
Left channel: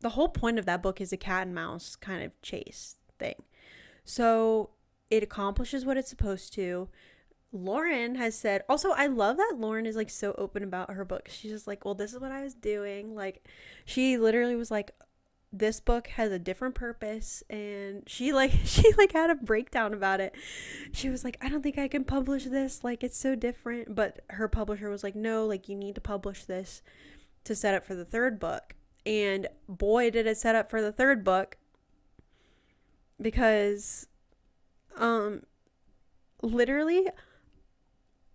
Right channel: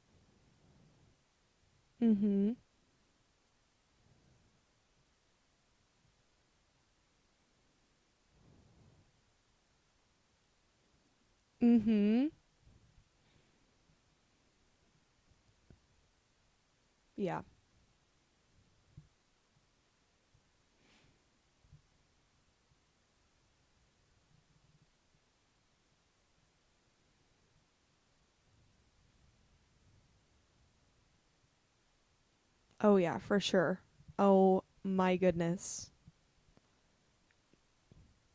the whole point of that book is a cat and mouse kind of chase thing. So it accomplishes what it's supposed to. Lauren has said, also, I love that Lauren is like so open about her book. She's just like, well, this is what I was doing. Like, she literally was like, this book has a different purpose. Yeah. And she had a breakdown about it. She was like, I don't think I can publish this. Like, it's so different. But her publisher was like, no, like, you need to publish this to set up for the third book. And boy, did it set up for the third book. Oh, yeah, because, for sure. Oh, my goodness. Literally,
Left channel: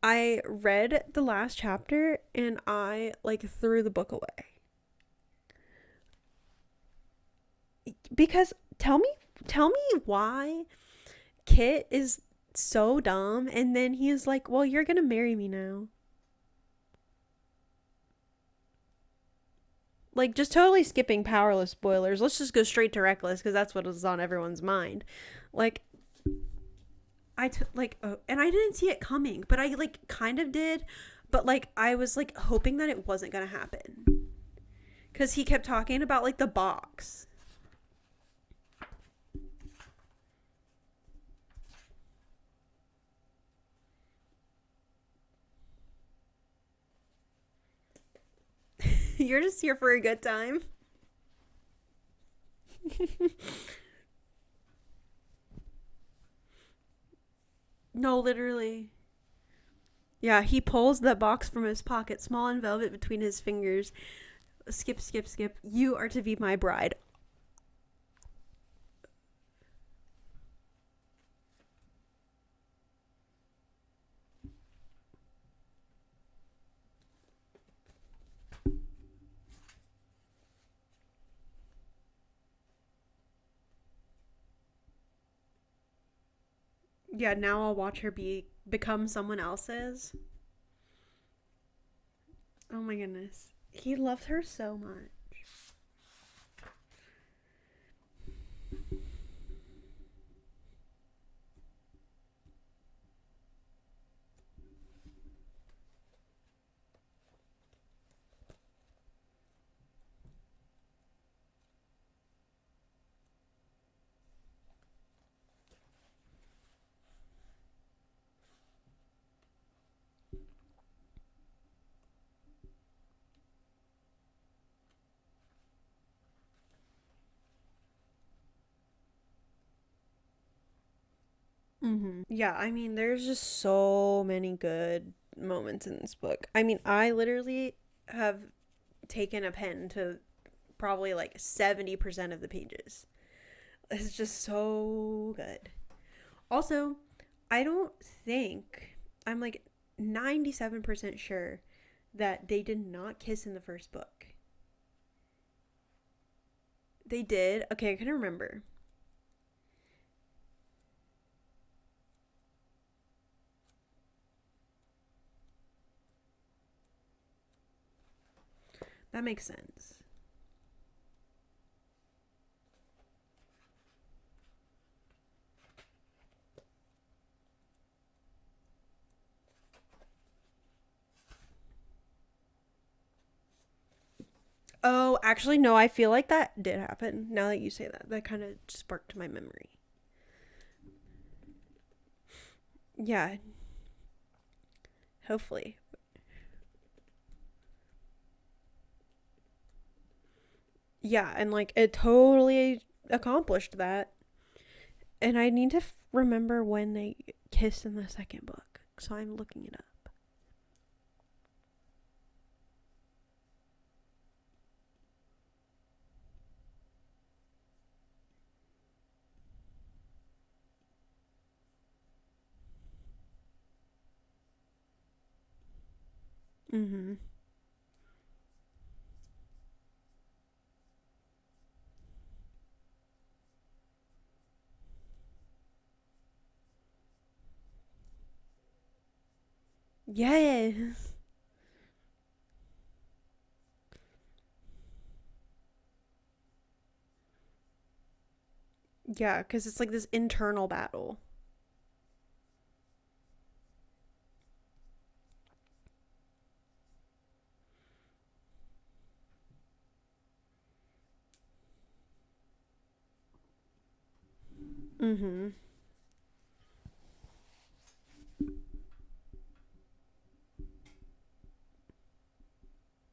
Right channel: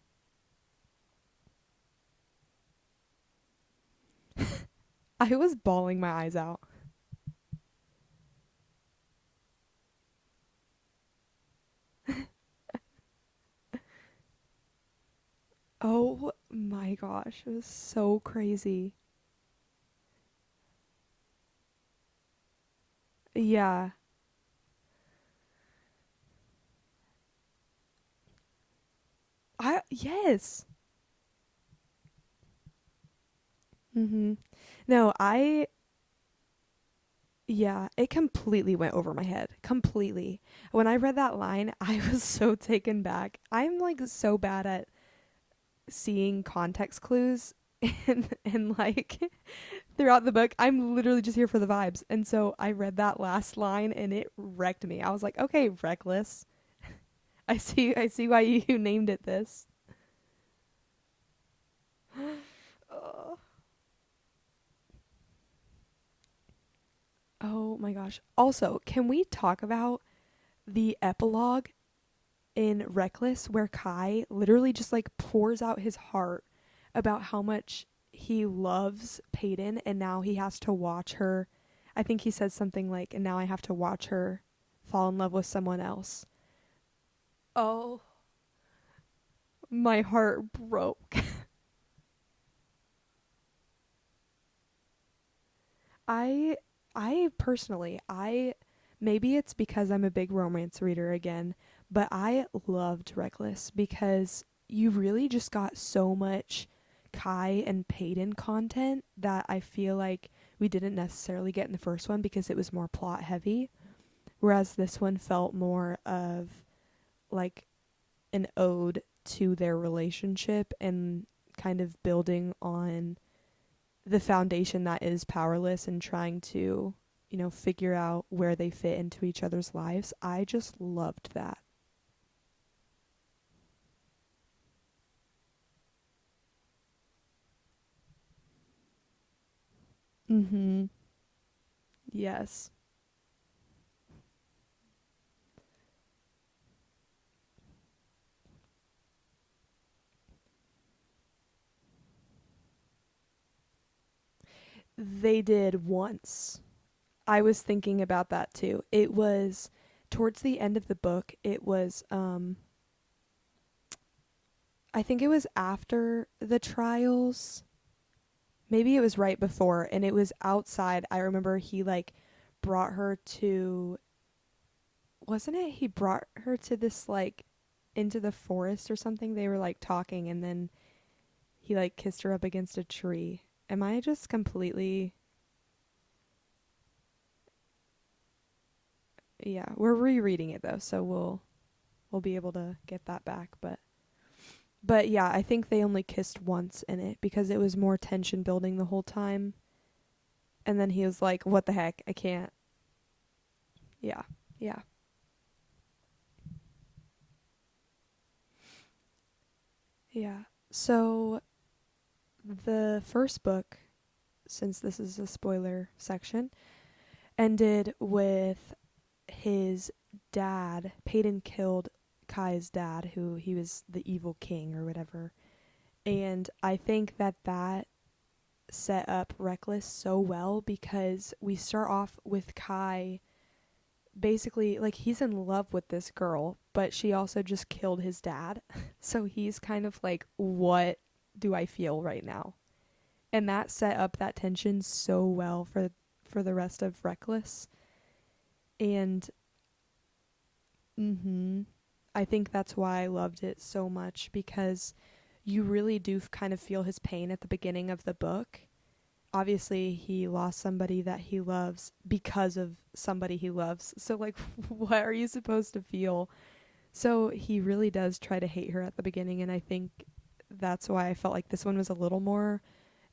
I read the last chapter and I like threw the book away. I was bawling my eyes out. Because tell me why Kit is so dumb, and then he is like, well, you're gonna marry me now. Oh my gosh, it was so crazy. Like, just totally skipping Powerless spoilers. Let's just go straight to Reckless, because that's what is on everyone's mind. Like, and I didn't see it coming, but I kind of did. But like, I was like hoping that it wasn't gonna happen. No, because he kept talking about like the box. Yeah, it completely went over my head. Completely. When I read that line, I was so taken back. I'm like so bad at seeing context clues and like you're just here for a throughout good the time. book. I'm literally just here for the vibes. And so I read that last line and it wrecked me. I was like, okay, Reckless. I see why you named it this. Yeah, he pulls the box from his pocket, small and velvet between his fingers. Skip. You are to be my bride. Oh my gosh. Also, can we talk about the epilogue in Reckless where Kai literally just like pours out his heart about how much he loves Peyton, and now he has to watch her. I think he says something like, and now I have to watch her fall in love with someone else. Yeah, now I'll watch her become someone else's. My heart broke. Oh my goodness. He loved her so much. I personally, maybe it's because I'm a big romance reader again, but I loved Reckless because you really just got so much Kai and Peyton content that I feel like we didn't necessarily get in the first one because it was more plot heavy, whereas this one felt more of like an ode to their relationship and kind of building on the foundation that is Powerless and trying to, figure out where they fit into each other's lives. I just loved that. Yeah, I mean, there's just so many good moments in this book. I mean, I literally have taken a pen to probably like 70% of the pages. It's just so good. Also, I don't think, I'm like 97% sure that they did not kiss in the first book. They did once. They did? I was thinking okay, about that too. It was towards the end of the book. It was, I think it was after the trials. Maybe it was that right before. Sense. And it was outside. I remember he like brought her to, wasn't it? He brought her to this like into the forest or something. They were like talking and then he like kissed her up against a tree. Am I just completely... Oh, actually, no. I feel like that did happen. Now that you say that, that kind of sparked my memory. Yeah, we're rereading it though, so we'll be able to get that back. But yeah, hopefully. I think they only kissed once in it because it was more tension building the whole time. And then he was like, and "What the heck?" It totally accomplished that. Yeah. And I need to remember when they kissed in the second book, so I'm looking it up. Yeah. So the first book, since this is a spoiler section, ended with his dad. Peyton killed Kai's dad, who he was the evil king or whatever. And I think that set up Reckless so well because we start off with Kai basically, like, he's in love with this girl, but she also just killed his dad. So he's kind of like, what do I feel right now? And that set up that tension so well for the rest of Reckless. And yeah, because it's like this internal battle. I think that's why I loved it so much, because you really do kind of feel his pain at the beginning of the book. Obviously, he lost somebody that he loves because of somebody he loves. So, like, what are you supposed to feel? So he really does try to hate her at the beginning, and I think that's why I felt like this one was a little more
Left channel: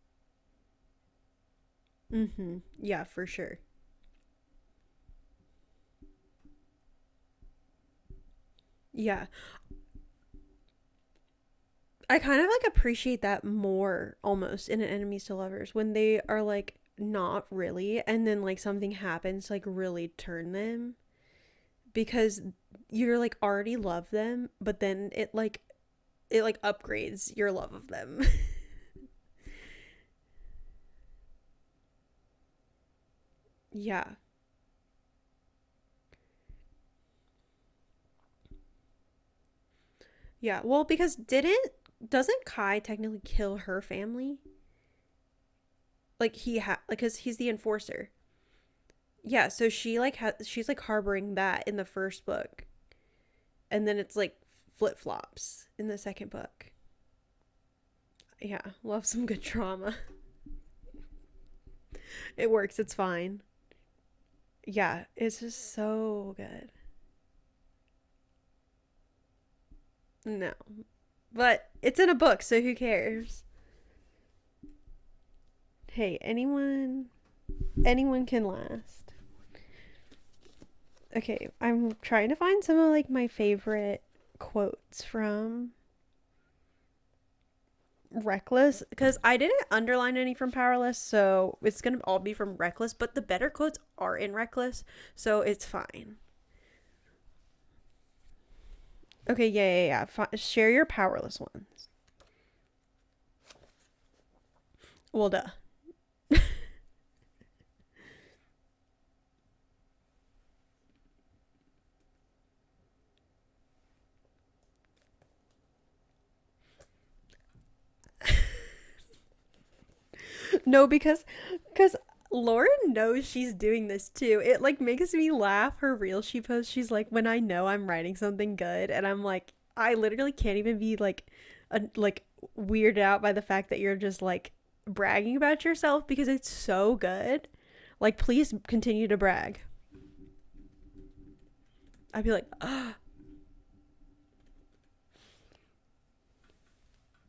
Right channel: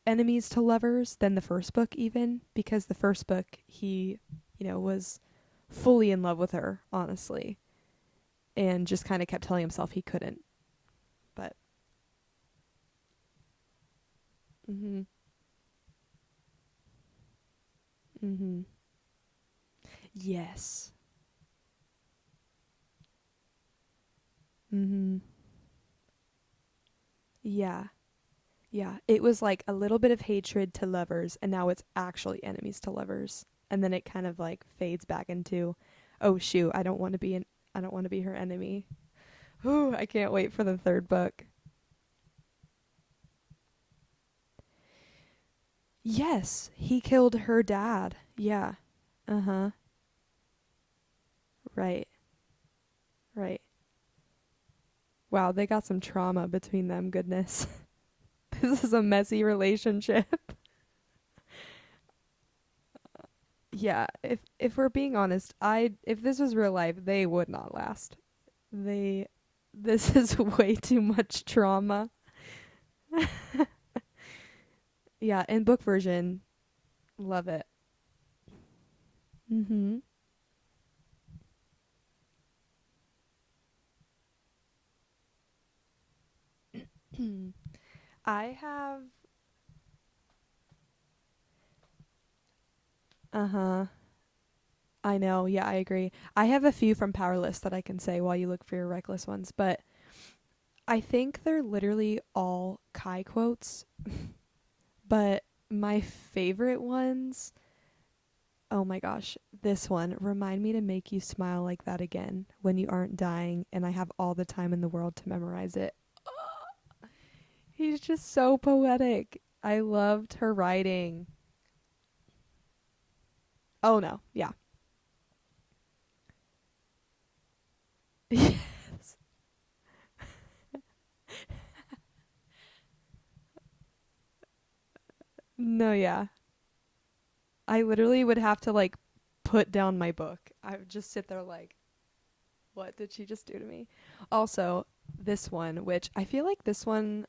enemies to lovers than the first book even, because the first book, he, was fully in love with her, honestly, and just kind of kept telling himself he couldn't. But I kind of like appreciate that more almost in an enemies to lovers, when they are like not really, and then like something happens to like really turn them, because you're like already love them, but then it upgrades your love of them. Yeah, it was like a little bit of hatred to lovers, and now it's actually enemies to lovers, and then it kind of like fades back into, oh shoot, I don't want to be her enemy. Ooh, I can't wait for the third book. Doesn't Kai technically kill her family? Yes, he killed her dad. Yeah. Yeah, so she like she's like harboring that in the first book. Right. And then it's like flip-flops. Wow, they got some trauma between them, goodness. Yeah. This is a messy relationship. It works, it's fine. Yeah, if we're being honest, if this was real life, they would not last. This is way too much trauma. It's in a book, so who cares? Yeah, in book version. Hey, anyone love it. Anyone can last. Okay, I'm trying to find some of like my favorite quotes from Reckless, because I didn't underline any from Powerless, so it's gonna all be from Reckless, but the better quotes are in Reckless. I know, so it's fine. I agree. I have a few from Powerless that I can say while you look for your Reckless ones. Okay, yeah. Share your Powerless I think they're ones. literally all Kai quotes, but my favorite ones, oh my gosh, this one: remind me to make you smile like that again when you aren't dying, and I have all the time in the world to memorize it. He's just so poetic. I loved her writing. No, because Lauren knows she's doing this too. Yeah. It like makes me laugh. Her reel she posts, she's like, when I know I'm writing something good, and I'm like, I literally can't even be like weirded out by the fact that you're just like bragging about yourself because it's so good. I literally would have to continue to brag. Put down my book. I would just sit there like, I'd be like, what did she just do to me? Also, this one, which I feel like this one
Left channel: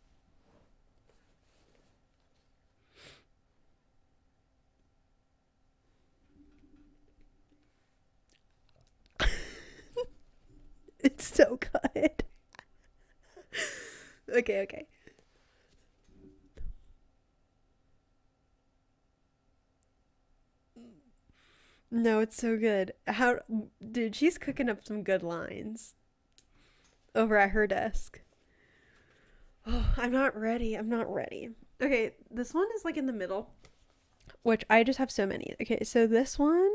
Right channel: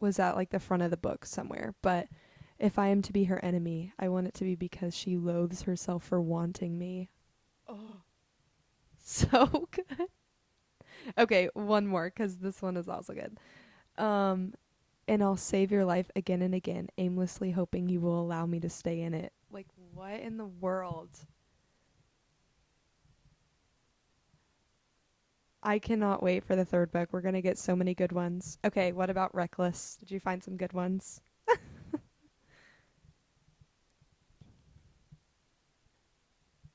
was at like the front of the book somewhere, but if I am to be her enemy, I want it to be because she loathes herself for wanting me. Oh, so good. Okay, so one more, because this one is also good. Okay. And I'll save your life again and again, aimlessly hoping you will allow me to stay in it. Like, what in the world? No, it's so good. How, dude, she's cooking up some good lines. I cannot wait for the third book. We're Over gonna at get her so many good desk. ones. Okay, what about Reckless? I'm Did you not find some good ready. I'm not ones? ready. Okay, this one is like in the middle, which I just have so many. Okay, so this one,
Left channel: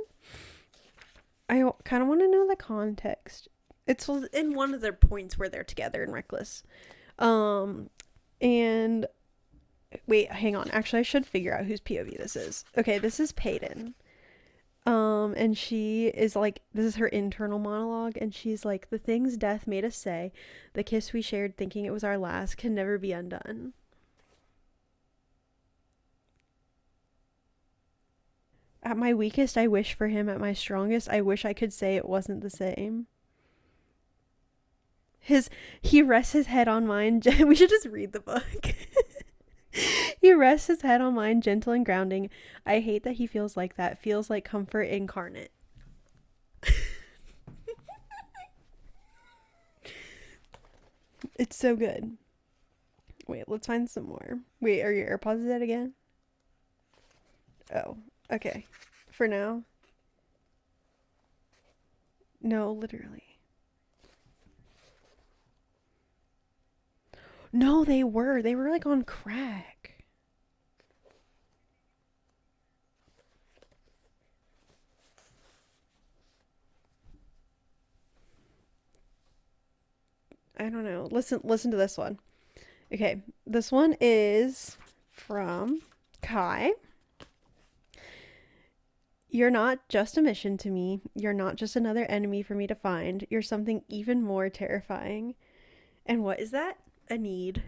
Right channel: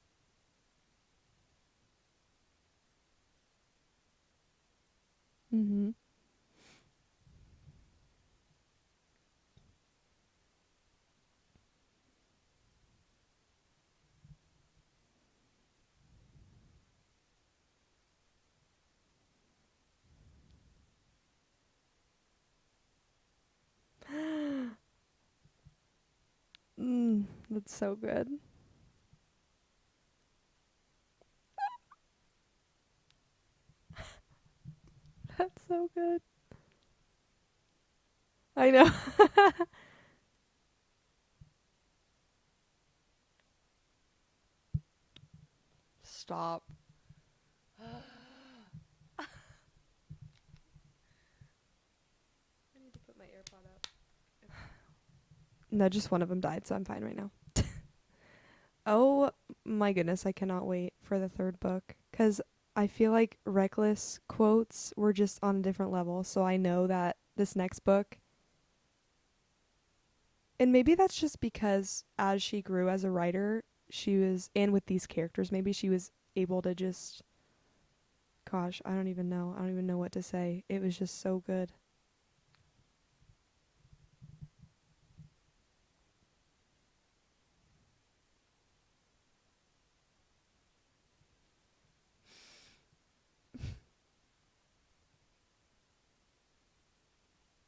I kind of want to know the context. It's in one of their points where they're together in Reckless. And wait, hang on. Actually, I should figure out whose POV this is. Okay, this is Peyton. And she is like, this is her internal monologue, and she's like, the things death made us say, the kiss we shared thinking it was our last, can never be undone. That's so good. At my weakest, I wish for him. At my strongest, I wish I could say it wasn't the same. He rests his head on mine. We should just read the book. I know. He rests his head on mine, gentle and grounding. I hate that he feels like that. Feels like comfort incarnate. Stop. It's so good. Wait, let's find some more. Wait, are your AirPods dead again? No, just one of them died, so I'm fine right now. Oh, okay. Oh, For now. my goodness, I cannot wait for the third book. Because No, I feel like Reckless quotes were just on a different level, so I know that this next book... No, they were like on crack. And maybe that's just because as she grew as a writer, she was... And with these characters, maybe she was able to just... Gosh, I don't even know. I don't even know what to say. I don't know. Listen Listen to this one. Okay, this one is from Kai. You're not just a mission to me. You're not just another enemy for me to find. You're something even more terrifying. And what is that? A need.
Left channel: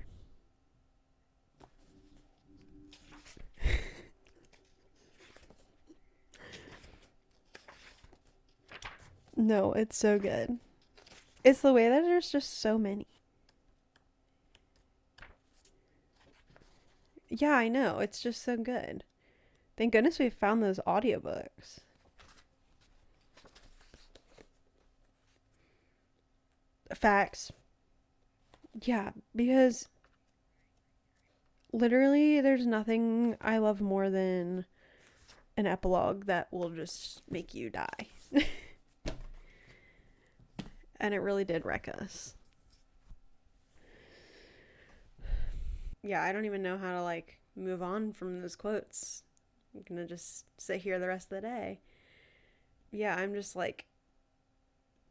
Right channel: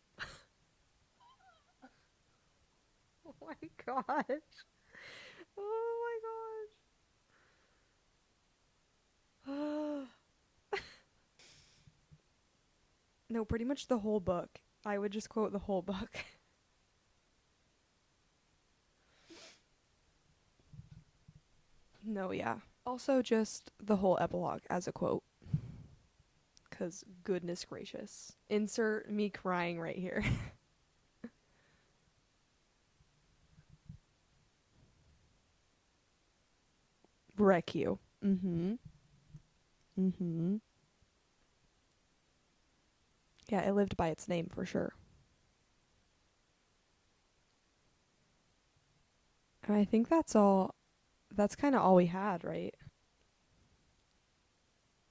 Oh my gosh. Oh my god. No, it's so good. It's the way that there's just so many. No, pretty much the whole book. I would just quote the whole book. Yeah, I know. It's just so good. Thank goodness we found those audiobooks. No, yeah. Also, just the whole epilogue as a quote. Because, goodness gracious. Insert me crying right here. Literally, there's nothing I love more than an epilogue that will just make you die. Mm-hmm. Mm-hmm. And it really did wreck us. Yeah, it lived by its name for sure. Yeah, I don't even know how to, like, move on from those quotes. I think that's all. Sit here the rest of the day. That's kind of all we had, right? Yeah, I'm just like,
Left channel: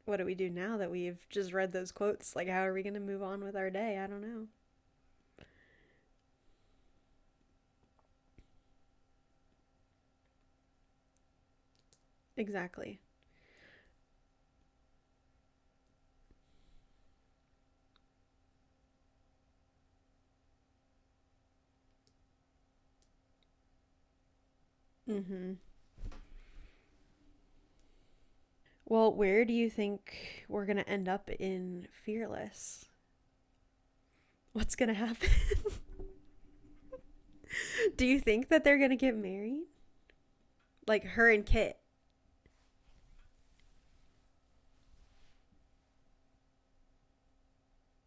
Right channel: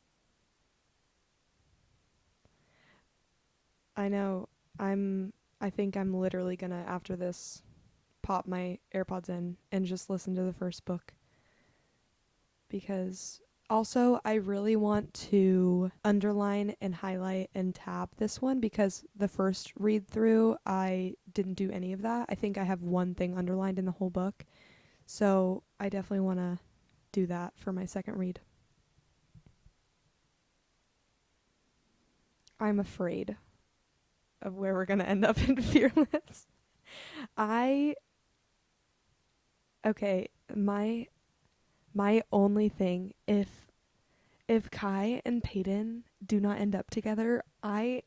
what do we do now that we've just read those quotes? Like, how are we going to move on with our day? I know. I think I'm literally going to, after this, pop my AirPods in and just listen to the first book. Exactly. Because also, I really want to underline and highlight and tab this one because the first read through, I didn't do any of that. I think I have one thing underlined in the whole book. Mm-hmm. So I definitely want to do that for my second read. Well, where do you think we're going to end up in Fearless? I'm afraid of where we're going to end up in Fearless. Do you think that they're going to get married? Okay, like her and Kit. My only thing, if Kai and Peyton do not end up together, I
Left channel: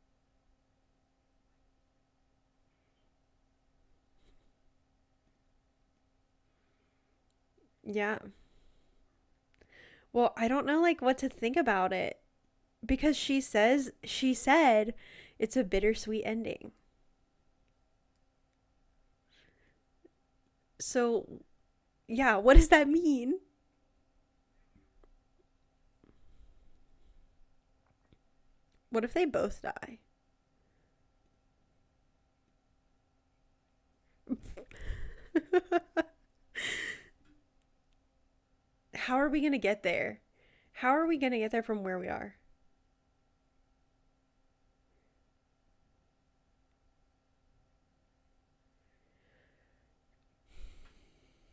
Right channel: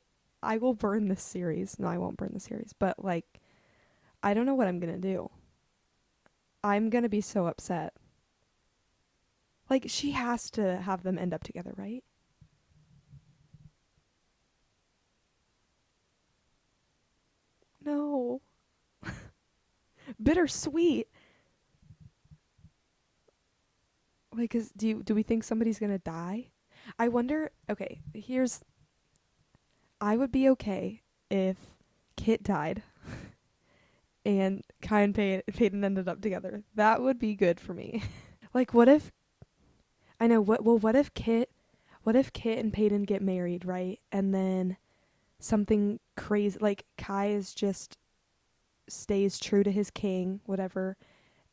will burn this series. No, I won't burn the series, but like, I don't know what I'm gonna do. I'm gonna be so upset. Yeah. Like she has to. I don't know like what to think about it, because she said it's a bittersweet ending. No. Bittersweet. So, yeah, what does that mean? Like, do we think somebody's gonna die? I wonder. Okay, what if they both die? I would be okay if Kit died, and Kai and Peyton ended up together. That would be good for me. Like, what if? How are we gonna get there? I know. How are we gonna get there from where we are? What if Kit and Peyton get married, right? And then something crazy, like Kai stays true to his king, whatever.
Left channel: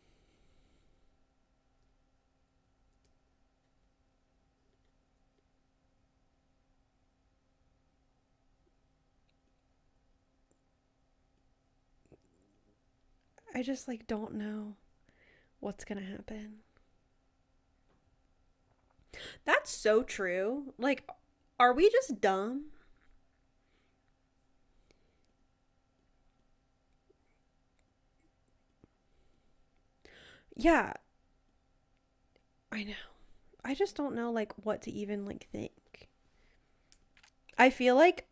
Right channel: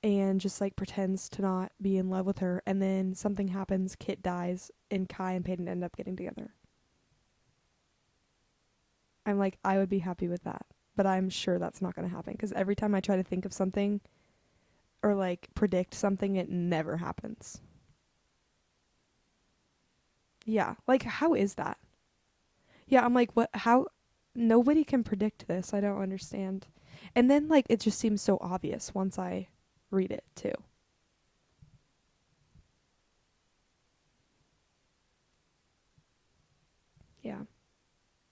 And just, like, pretends to not be in love with her. And then something happens, Kit dies, and Kai and Peyton end up getting together. I'm like, I would be happy with that. But I'm sure that's not going to happen. Because every time I try to think of something... I just, like, don't know. Or, like, predict something, it never happens. That's so true. Yeah. Like, how is that? Are we just dumb? Yeah, I'm like, what? How... nobody can predict this. I don't understand. And then like it just seems so obvious once I read it too. Yeah. I know. I just don't know like what to even like think. Yeah. I feel like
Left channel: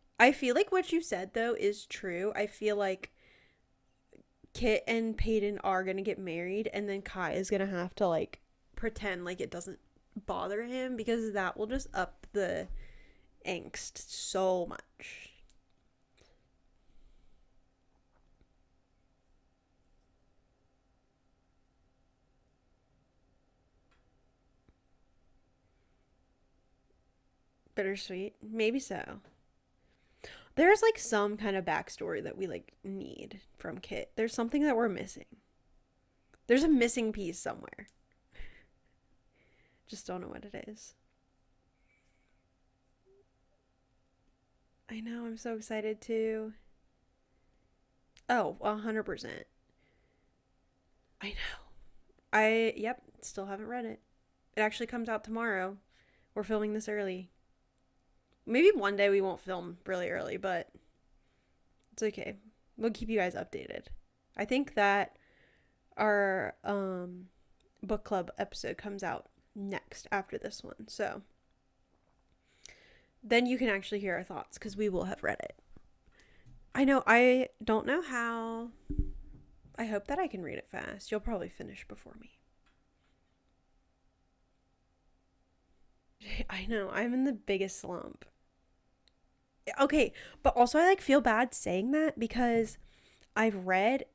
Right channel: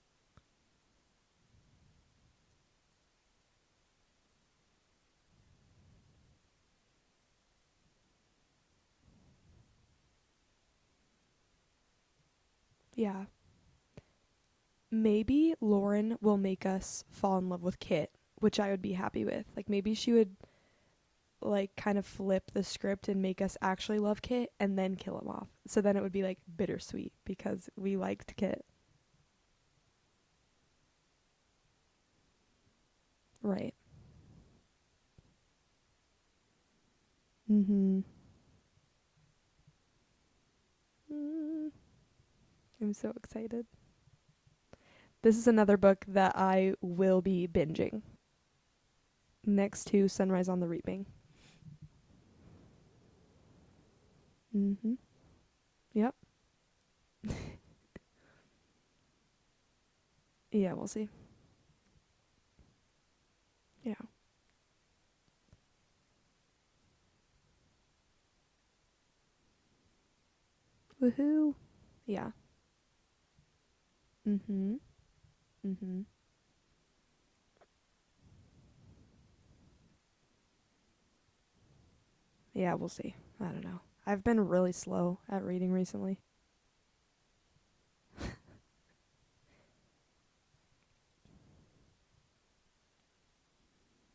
what you said though is true. I feel like Kit and Peyton are gonna get married, and then Kai is gonna have to like pretend like it doesn't bother him, because that will just up the angst so much. Maybe Lauren will make us fall in love with Kit, which I would be happy with. Like maybe she would like kind of flip the script and make us actually love Kit and then kill him off. So then it would be like bittersweet because we liked Kit. Maybe so. There's like some kind of backstory that we like need from Kit. There's something that we're missing. There's a missing piece somewhere. Mm-hmm. Just don't know what it is. I'm so excited. I know. This is another book that I will be binging. Oh, 100%. Next to Sunrise on the Reaping. I know. Yep, still haven't read it. It actually comes out tomorrow. Yep. We're filming this early. Maybe one day we won't film really early, but yeah, we'll see. It's okay. We'll keep you guys updated. Yeah. I think that our book club episode comes out next after this one. So Woohoo. Yeah. Then you can actually hear our thoughts, because we will have read it. Mm-hmm. I know. I don't know how. I hope that I can read it fast. You'll probably finish before me. Yeah, we'll see. I don't know. I've been really slow at reading recently. I know. I'm in the biggest slump. Okay, but also I like feel bad saying that, because I've read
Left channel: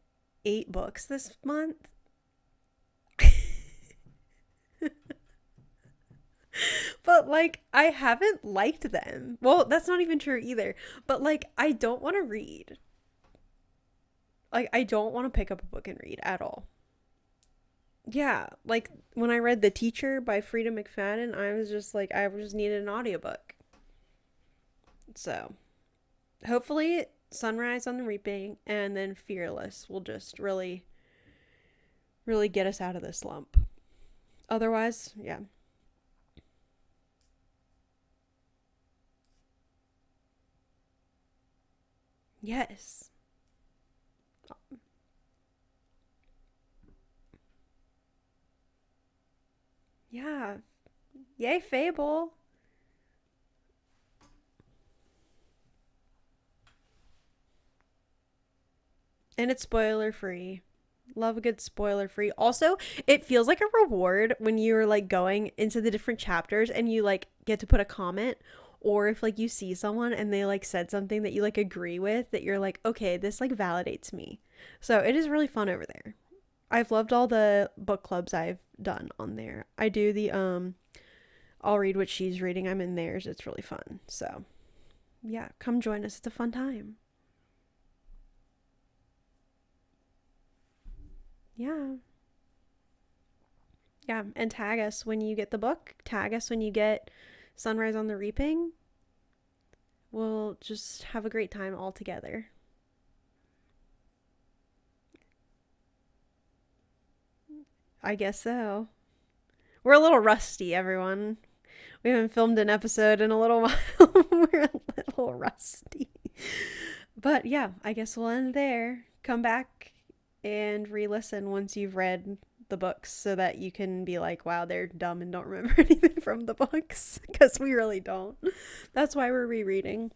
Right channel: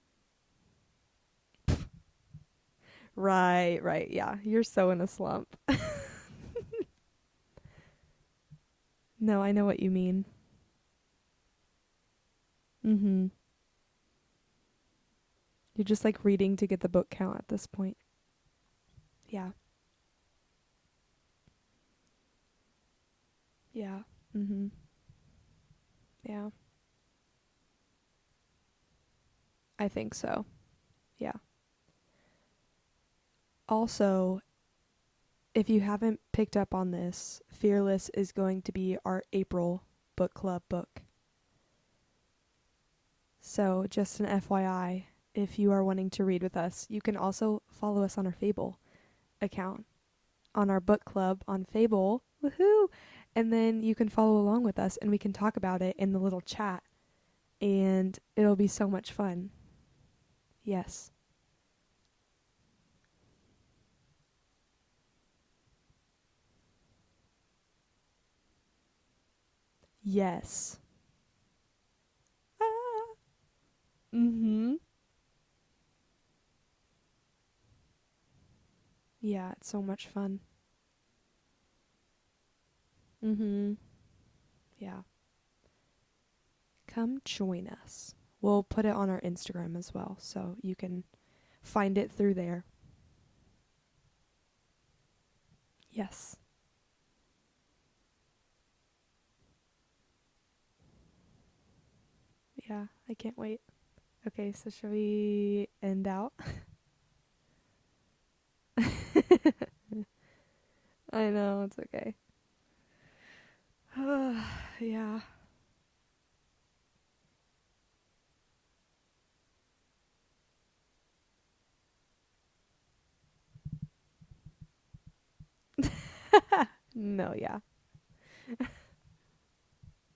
8 books this month. Right. Yeah. You're so in a slump. But like I haven't liked them. No, I well, know what that's you not even mean. true either. But like I don't want to read. Mm-hmm. Like I don't want to pick up a book. You're just and like read reading to get the book count at this point. Yeah, like when I read The Teacher by Frida McFadden, I was just like, I just needed an audiobook. Yeah. Mm-hmm. So yeah, hopefully Sunrise on the Reaping and then Fearless I will think just so. really get us out of this slump. Also, Otherwise, if you haven't picked up on this, Fearless is going to be our April book club book. Yes. So just an FYI, if you are wanting to read with us, you can also follow us on our Fable account. Yeah. On our book club. Yay, on Fable. Woohoo! And then you can follow along with us and we can talk about it in the little chat. And it'll be so much fun. And it's spoiler free. Yes. Love a good spoiler free. Also, it feels like a reward when you're like going into the different chapters and you like get to put a comment, or if like you see someone and they like said something that you like agree with, that you're like, okay, this like validates me. Mm-hmm. So it is really fun over there. I've loved all the book clubs I've done on there. So I do fun. the I'll read what she's reading. I'm in theirs. It's really fun. So yeah, come join us. It's a fun time. Come join us. We'll put it on our Instagram as well, so you can find it through there. Yeah, and tag us when you get the book. Yes. Tag us when you get Sunrise on the Reaping. We'll just have a great time all together. Yeah, I can't wait. Okay, so shall we end out? I guess so. We're a little rusty, everyone. I know, it's okay. We haven't filmed an episode in a little while. Yeah. A little rusty. But yeah, I guess we'll end there. Come back and re-listen once you've read the books, so that you can be like, wow, they're dumb and don't remember anything from the books. Because we really don't. That's why we're rereading.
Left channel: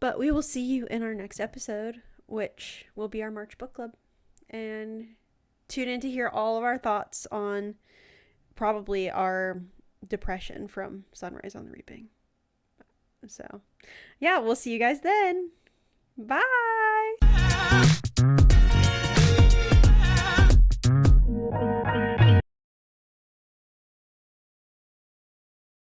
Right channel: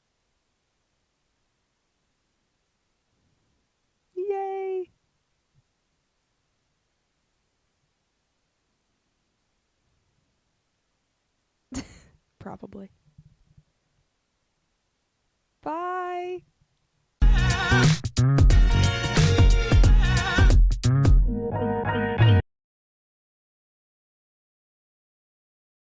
But we will see you in our next episode, which will be our March book club. Yay! And tune in to hear all of our thoughts on probably our depression from Sunrise on the Reaping. Probably. So, yeah, we'll see you guys then. Bye. Bye.